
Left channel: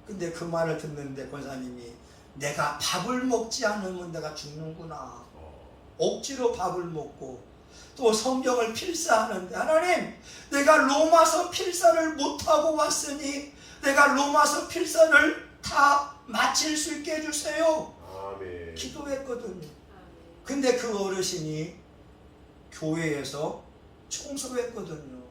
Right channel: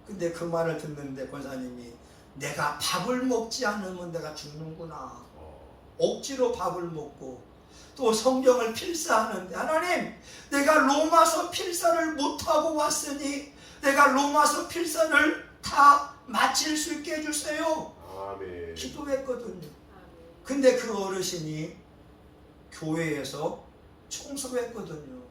근데 그 말을 듣는데 권사님이 내가 밥을 먹지 않으면 내가 죽는구나. 억지로 밥을 먹고 또 성경을 필사하는데 하나님 내가 로마서 필사를 못하고 왔으니 내가 로마서 필사를 다 마칠 수 있게 해주세요. 아멘. 기도했거든요. 근데 그 어르신이 교회에서 청소했거든요.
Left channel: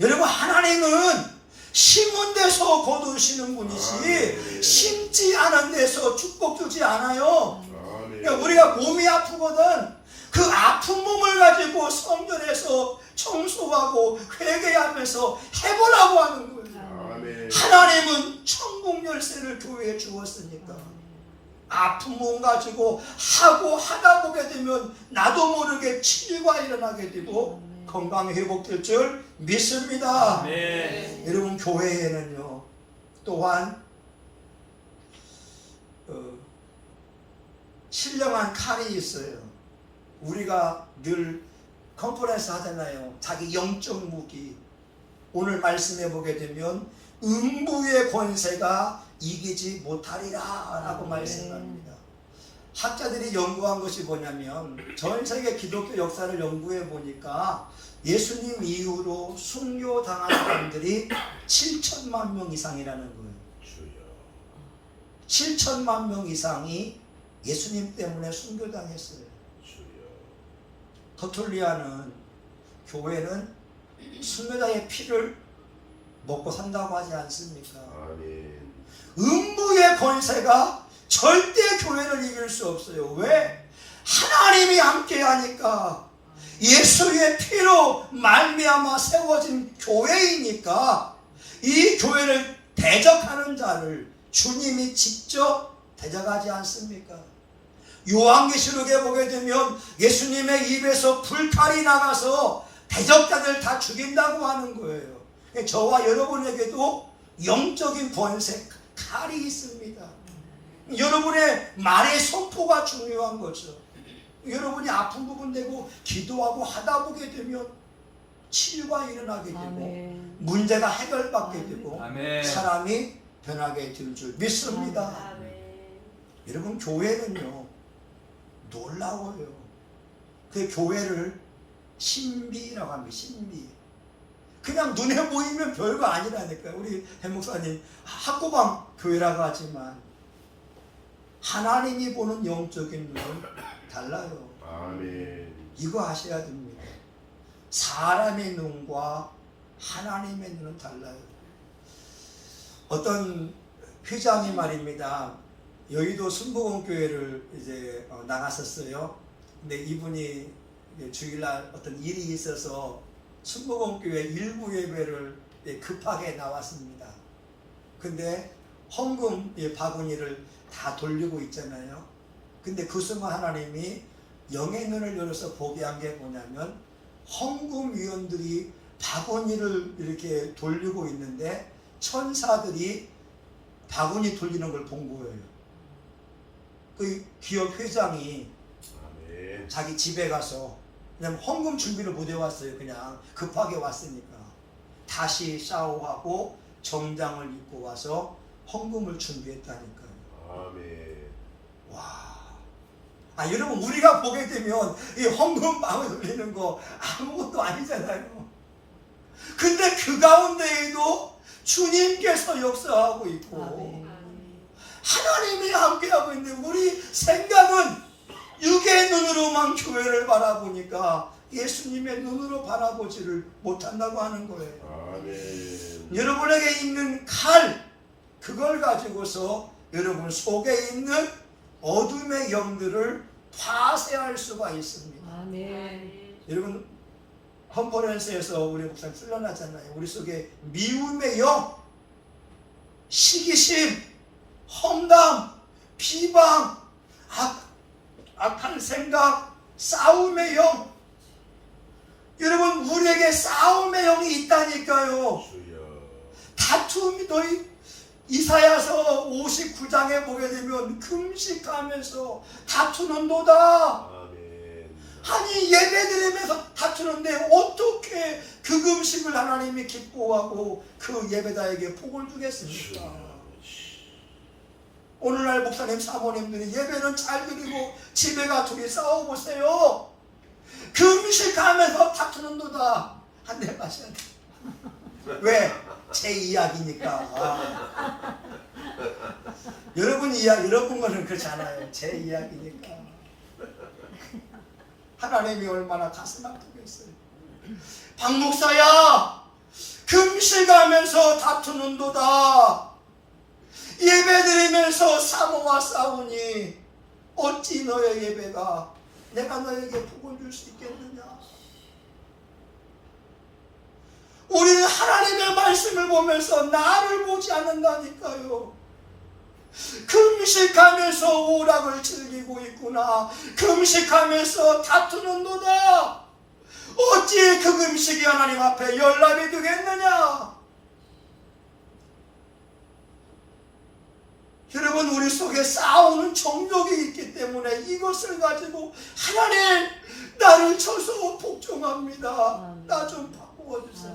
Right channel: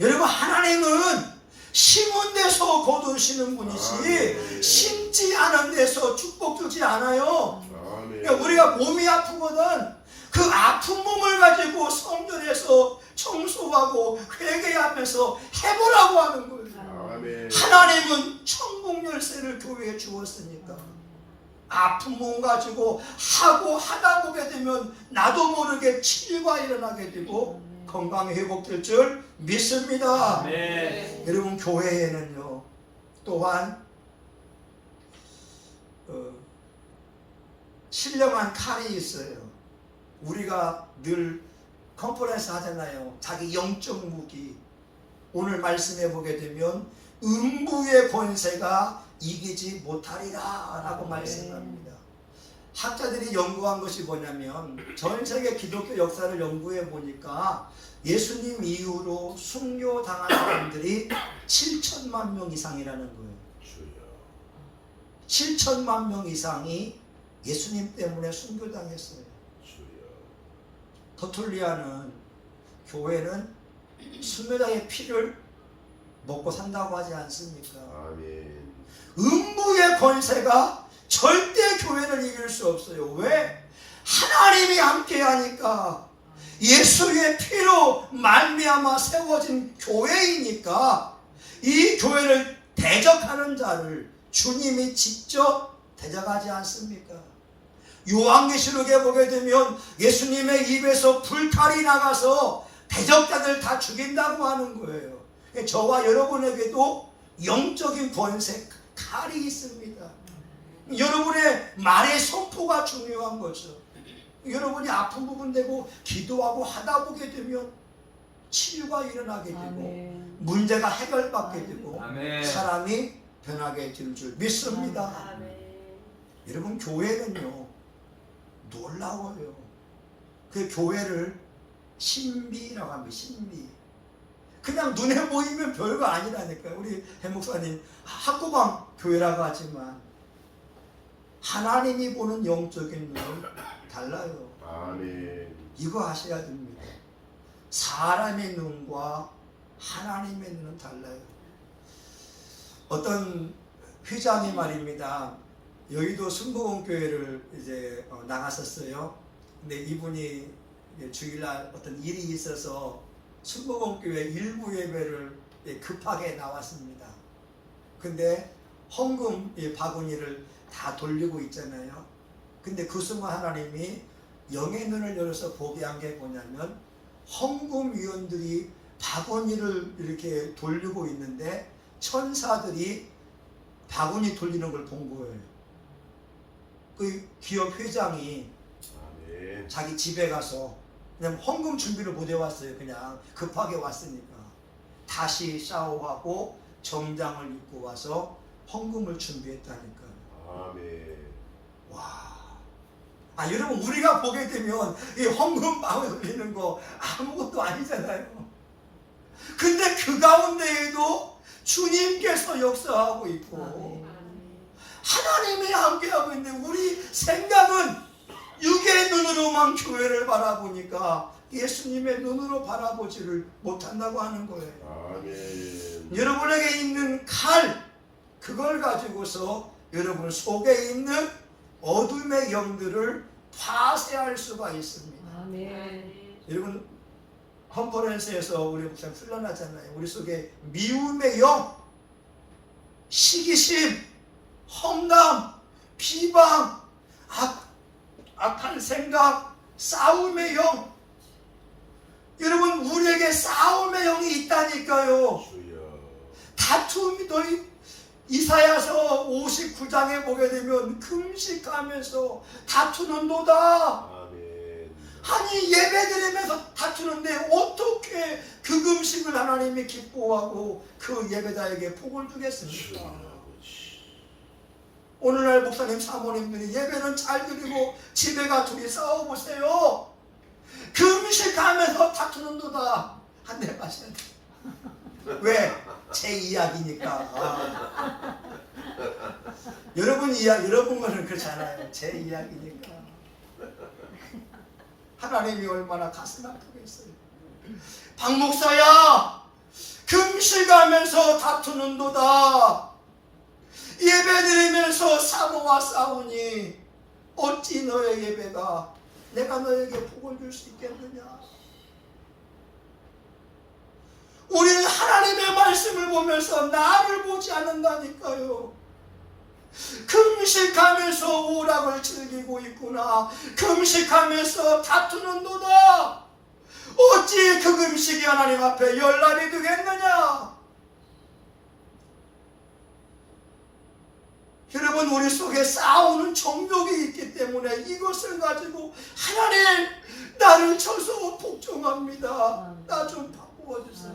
여러분 하나님은 심은 데서 거두시는 분이지 심지 않은 데서 축복 주지 않아요. 그러니까 우리가 몸이 아프거든 그 아픈 몸을 가지고 성전에서 청소하고 회개하면서 해보라고 하는 거예요. 아멘. 하나님은 천국 열쇠를 교회에 주었으니까 아픈 몸 가지고 하고 하다 보게 되면 나도 모르게 치유가 일어나게 되고 건강이 회복될 줄 믿습니다. 네. 여러분 교회에는요 또한 신령한 칼이 있어요. 우리가 늘 컨퍼런스 하잖아요. 자기 영적 무기. 오늘 말씀해 보게 되면 음부의 권세가 이기지 못하리라 라고 말씀합니다. 학자들이 연구한 것이 뭐냐면 전 세계 기독교 역사를 연구해 보니까 예수님 이후로 순교당한 사람들이 7천만 명 이상이라는 거예요. 7천만 명 이상이 예수님 때문에 순교당했어요. 터툴리아는 교회는 순교자의 피를 먹고 산다고 하지 않습니까? 아멘. 음부의 권세가 절대 교회를 이길 수 없어요. 왜? 하나님이 함께하니까 예수의 피로 말미암아 세워진 교회이니까 이 교회를 대적하는 자를 주님이 직접 대적하지 않습니까? 요한계시록에 보게 되면 예수님의 입에서 불칼이 나가서 대적자들 다 죽인다고 하는 거예요. 저와 여러분에게도 영적인 권세 칼이 있습니다. 여러분의 말의 선포가 중요한 거죠. 여러분이 아픈 부분 되고 기도하고 하다 보게 되면 치유가 일어나게 되고 문제가 해결받게 되고 사람이 변하게 될 줄 믿습니다. 여러분 교회는요 놀라워요. 그 교회를 신비라고 합니다. 신비. 그냥 눈에 보이면 별거 아니라니까요. 우리 해 목사님 학구방 교회라고 하지만 하나님이 보는 영적인 눈은 달라요. 아멘. 이거 아셔야 됩니다. 사람의 눈과 하나님의 눈은 달라요. 어떤 회장이 말입니다. 여의도 순복음교회를 이제 나갔었어요. 근데 이분이 주일날 어떤 일이 있어서 순복음교회 일부 예배를 급하게 나왔습니다. 근데 헌금 바구니를 다 돌리고 있잖아요. 근데 그 순간 하나님이 영의 눈을 열어서 보게 한 게 뭐냐면 헌금위원들이 바구니를 이렇게 돌리고 있는데 천사들이 바구니 돌리는 걸 본 거예요. 그 기업 회장이 아멘. 자기 집에 가서 그냥 헌금 준비를 못 해왔어요. 그냥 급하게 왔으니까 다시 샤워하고 정장을 입고 와서 헌금을 준비했다니까요. 아멘. 와. 여러분 우리가 보게 되면 이 헌금 마음에 돌리는 거 아무것도 아니잖아요. 근데 그 가운데에도 주님께서 역사하고 있고 하나님이 함께하고 있는데 우리 생각은 육의 눈으로만 교회를 바라보니까 예수님의 눈으로 바라보지를 못한다고 하는 거예요. 아멘. 여러분에게 있는 칼 그걸 가지고서 여러분 속에 있는 어둠의 영들을 파쇄할 수가 있습니다. 여러분 컨퍼런스에서 우리 목사님 훈련하잖아요. 우리 속에 미움의 영, 시기심, 험담, 비방, 악한 생각, 싸움의 영. 여러분 우리에게 싸움의 영이 있다니까요. 주여. 다툼이 너희 이사야서 59장에 보게 되면 금식하면서 다투는도다. 아멘. 아니 예배드리면서 다투는데 어떻게 그 금식을 하나님이 기뻐하고 그 예배자에게 복을 주겠습니까? 오늘날 목사님 사모님들이 예배는 잘 드리고 집에 가 둘이 싸워보세요. 금식하면서 다투는도다. 한 대 마셔야 돼. 왜? 제 이야기니까. 여러분 거는 그렇잖아요. 제 이야기니까. 하나님이 얼마나 가슴 아프겠어요. 박 목사야, 금식하면서 다투는도다. 예배드리면서 사모와 싸우니 어찌 너의 예배가 내가 너에게 복을 줄 수 있겠느냐. 우리는 하나님의 말씀을 보면서 나를 보지 않는다니까요. 금식하면서 오락을 즐기고 있구나. 금식하면서 다투는도다. 어찌 그 금식이 하나님 앞에 열납이 되겠느냐. 여러분, 우리 속에 싸우는 정욕이 있기 때문에 이것을 가지고 하나님, 나를 쳐서 복종합니다. 나 좀 바꾸어 주세요.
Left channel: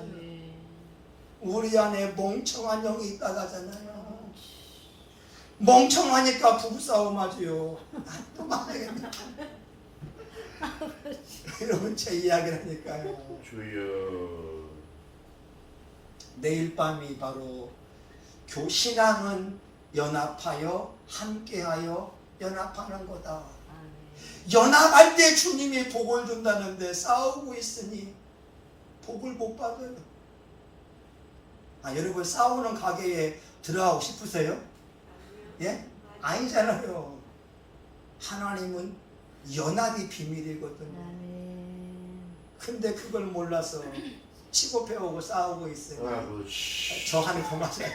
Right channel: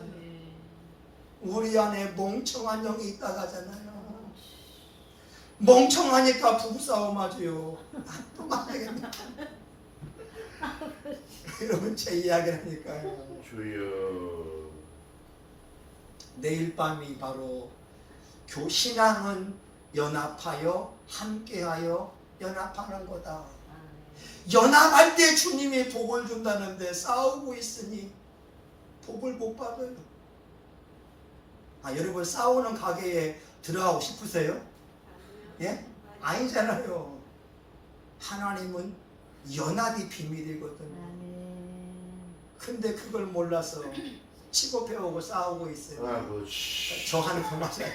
우리 안에 멍청한 영이 있다고 하잖아요. 멍청하니까 부부싸움 하지요. 또 말하겠네. 여러분, 제 이야기라니까요. 주여. 내일 밤이 바로 신앙은 연합하여 함께하여 연합하는 거다. 연합할 때 주님이 복을 준다는데 싸우고 있으니 복을 못 받아요. 여러분, 싸우는 가게에 들어가고 싶으세요? 예? 아니잖아요. 하나님은 연합이 비밀이거든요. 근데 그걸 몰라서 치고 배우고 싸우고 있어요. 아버지. 저 한이 더 맞아요.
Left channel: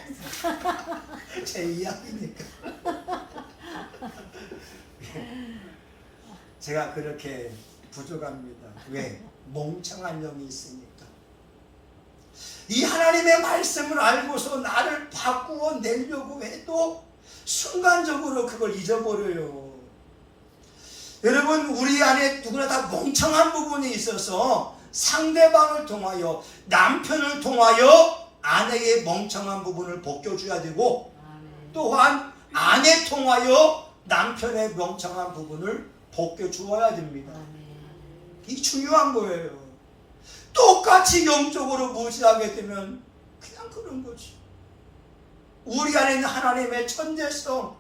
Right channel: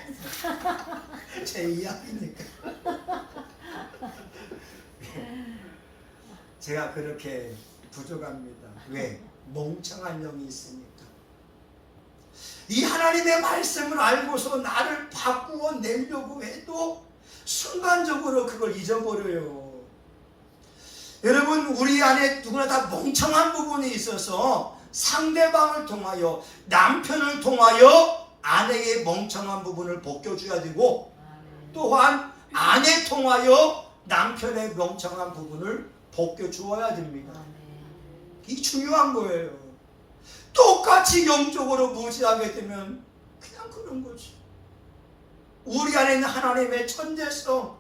제 이야기니까. 제가 그렇게 부족합니다. 왜? 멍청한 영이 있으니까. 이 하나님의 말씀을 알고서 나를 바꾸어 내려고 해도 순간적으로 그걸 잊어버려요. 여러분, 우리 안에 누구나 다 멍청한 부분이 있어서 상대방을 통하여, 남편을 통하여 아내의 멍청한 부분을 벗겨줘야 되고, 또한 아내 통하여 남편의 멍청한 부분을 벗겨주어야 됩니다. 이 중요한 거예요. 똑같이 영적으로 무지하게 되면 그냥 그런 거지. 우리 안에 있는 하나님의 천재성,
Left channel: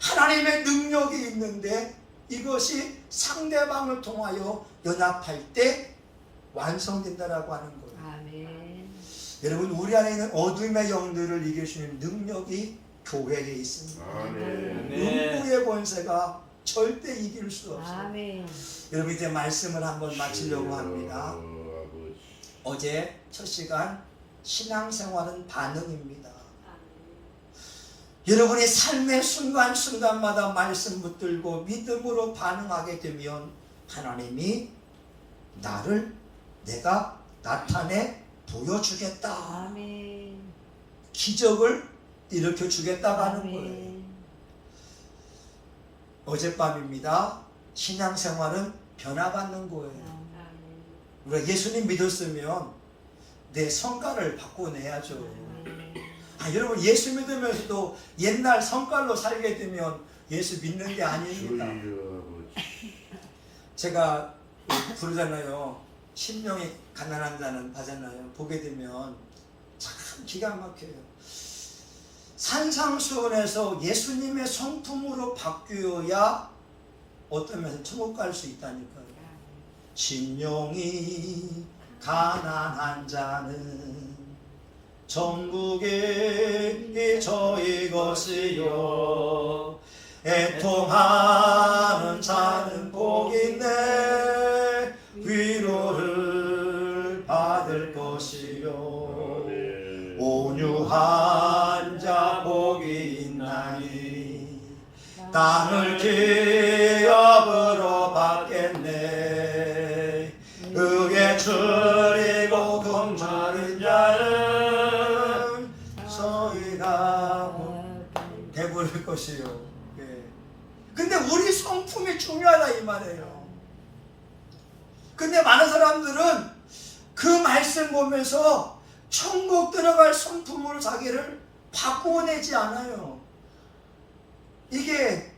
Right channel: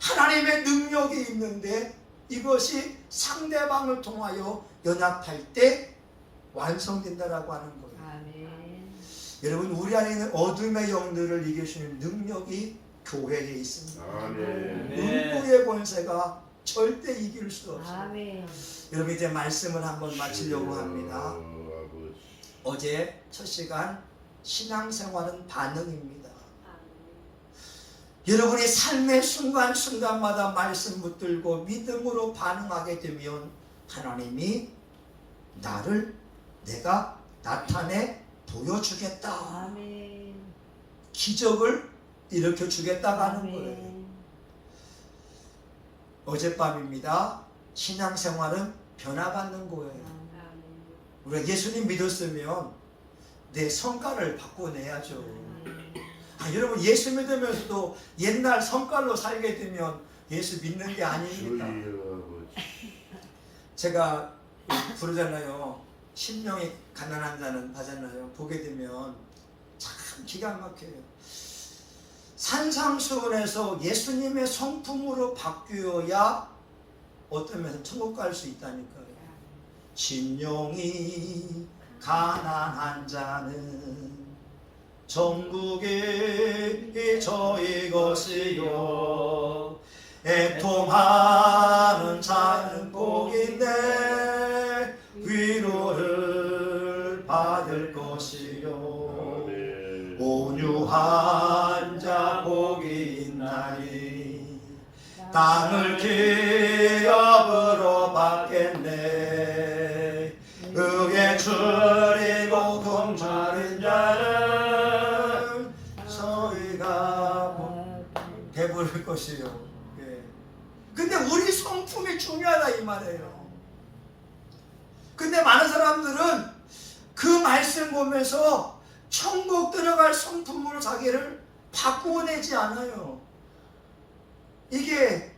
하나님의 능력이 있는데 이것이 상대방을 통하여 연합할 때 완성된다라고 하는 거예요. 여러분, 우리 안에 있는 어둠의 영들을 이기시는 능력이 교회에 있습니다. 음부의 권세가 절대 이길 수 없어요. 여러분, 이제 말씀을 한번 마치려고 합니다. 어제 첫 시간 신앙생활은 반응입니다. 여러분의 삶의 순간순간마다 말씀 붙들고 믿음으로 반응하게 되면 하나님이 나를 내가 나타내 보여주겠다. 기적을 일으켜주겠다고 하는 거예요. 어젯밤입니다. 신앙생활은 변화받는 거예요. 우리가 예수님 믿었으면 내 성깔을 바꿔내야죠. 여러분, 예수 믿으면서도 옛날 성깔로 살게 되면 예수 믿는 게 아닙니다. 제가 부르잖아요. 심령이 가난한 자는 하잖아요. 보게 되면 참 기가 막혀요. 산상수훈에서 예수님의 성품으로 바뀌어야 어떤 면에서 천국 갈 수 있다니까요. 심령이 가난한 자는 천국이 저희 것이요, 애통하는 자는 복인데 위로를 받을 것이요, 온유한 자 복이 있나니 땅을 기업으로 받겠네. 의에 줄이고 공정인 자는 저희가 것이요. 예. 근데 우리 성품이 중요하다 이 말이에요. 근데 많은 사람들은 그 말씀 보면서 천국 들어갈 성품으로 자기를 바꾸어내지 않아요. 이게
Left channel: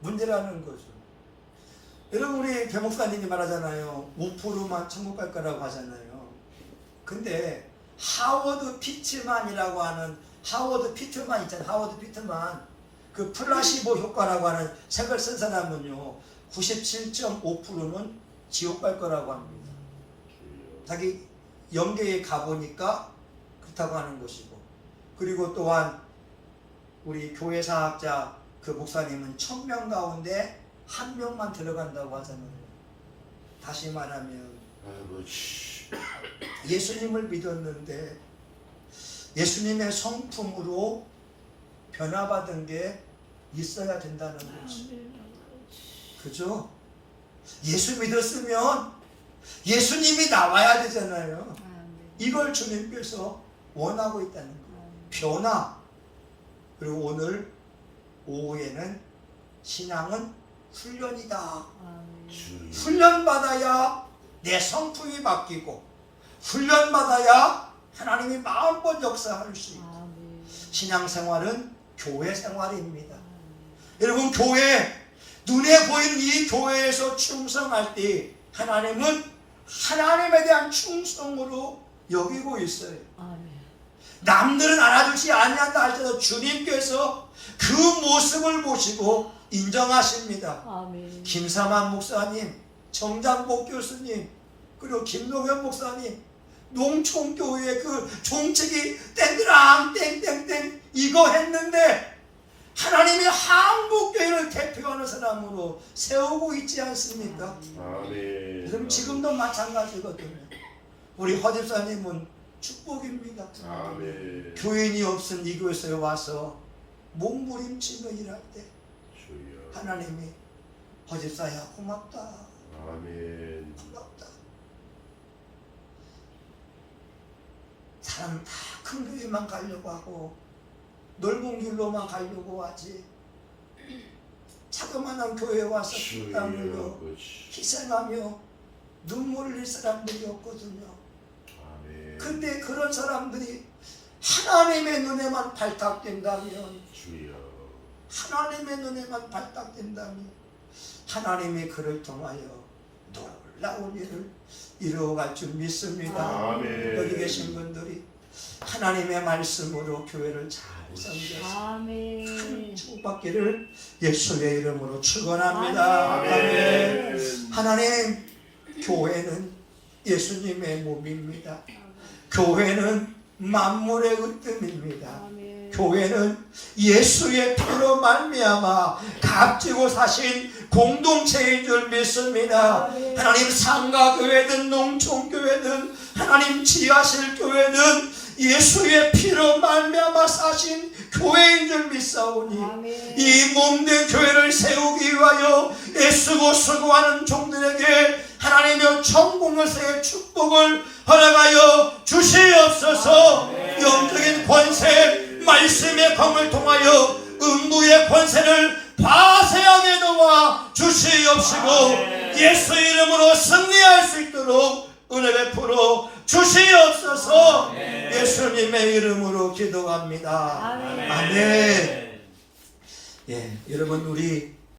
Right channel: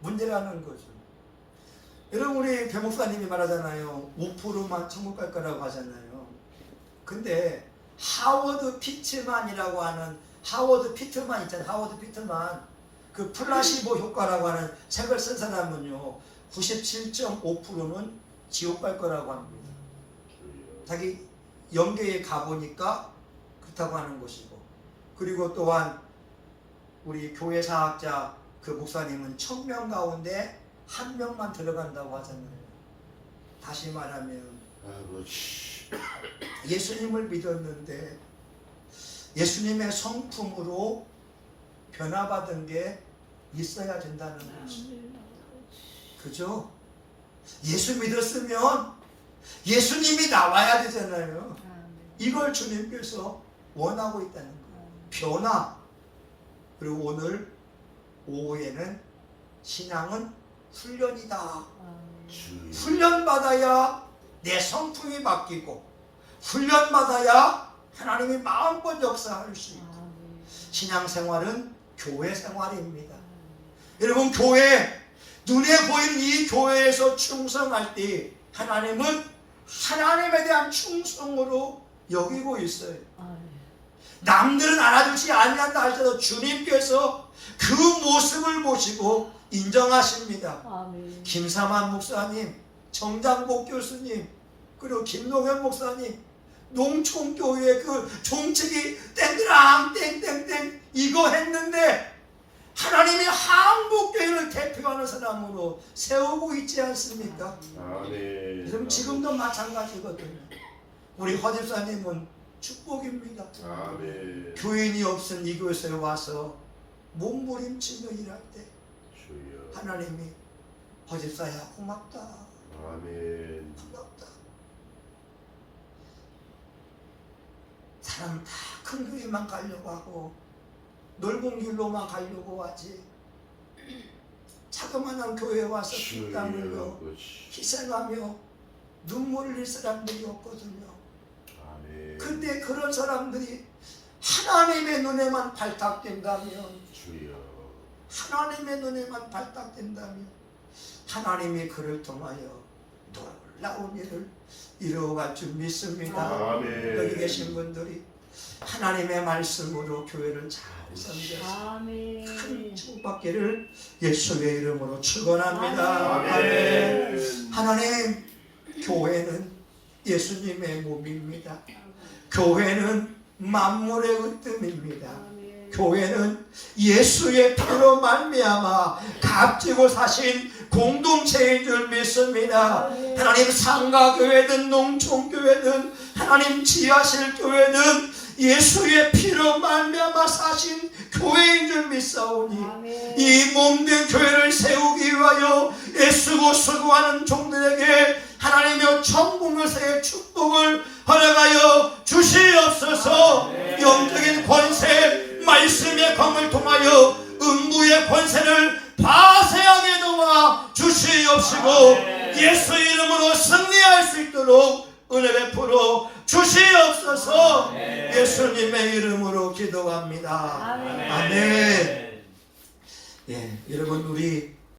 문제라는 거죠. 여러분, 우리 배 목사님이 말하잖아요. 5%만 천국 갈 거라고 하잖아요. 근데 하워드 피트만이라고 하는, 하워드 피트만 있잖아요. 하워드 피트만, 그 플라시보 효과라고 하는 책을 쓴 사람은요 97.5%는 지옥 갈 거라고 합니다. 자기 영계에 가보니까 그렇다고 하는 것이고, 그리고 또한 우리 교회사학자 그 목사님은 1000명 가운데 1명만 들어간다고 하잖아요. 다시 말하면 예수님을 믿었는데 예수님의 성품으로 변화받은 게 있어야 된다는 거지. 그죠? 예수 믿었으면 예수님이 나와야 되잖아요. 이걸 주님께서 원하고 있다는 거예요. 변화. 그리고 오늘 오후에는 신앙은 훈련이다. 훈련받아야 내 성품이 바뀌고, 훈련받아야 하나님이 마음껏 역사할 수 있고. 신앙생활은 교회 생활입니다. 여러분, 교회, 눈에 보이는 이 교회에서 충성할 때 하나님은 하나님에 대한 충성으로 여기고 있어요. 남들은 알아주지 아니한다 할지라도 주님께서 그 모습을 보시고 인정하십니다. 김삼환 목사님, 정장복 교수님, 그리고 김동현 목사님, 농촌교회 그 종책이 땡그랑 땡땡땡 이거 했는데 하나님이 한국교회를 대표하는 사람으로 세우고 있지 않습니까? 그럼 지금도 마찬가지거든요. 우리 허집사님은 축복입니다. 교인이 없은 이 교회에 와서 몸부림치며 일할 때 하나님이 허집사야 고맙다. 고맙다. 사람 다 큰 교회만 가려고 하고 넓은 길로만 가려고 하지, 자그마한 교회에 와서 땀 흘려 희생하며 눈물을 흘릴 사람들이 없거든요. 근데 그런 사람들이 하나님의 눈에만 발탁된다면, 하나님의 눈에만 발탁된다면 하나님이 그를 통하여 놀라운 일을 이루어갈 줄 믿습니다. 여기 계신 분들이 하나님의 말씀으로 교회를 잘 섬겨서 큰 축복받기를 예수의 이름으로 축원합니다. 아멘. 하나님, 교회는 예수님의 몸입니다. 교회는 만물의 으뜸입니다. 교회는 예수의 피로 말미암아 값지고 사신 공동체인 줄 믿습니다. 하나님, 상가교회든 농촌교회든 하나님 지하실 교회든 예수의 피로 말미암아 사신 교회인 줄 믿사오니 이 몸된 교회를 세우기 위하여 애쓰고 수고하는 종들에게 하나님의 천국에서의 축복을 허락하여 주시옵소서. 영적인 권세, 말씀의 검을 통하여 음부의 권세를 파쇄하게 도와 주시옵시고 예수 이름으로 승리할 수 있도록 은혜 베풀어 주시옵소서. 예수님의 이름으로 기도합니다. 아멘. 예, 여러분, 우리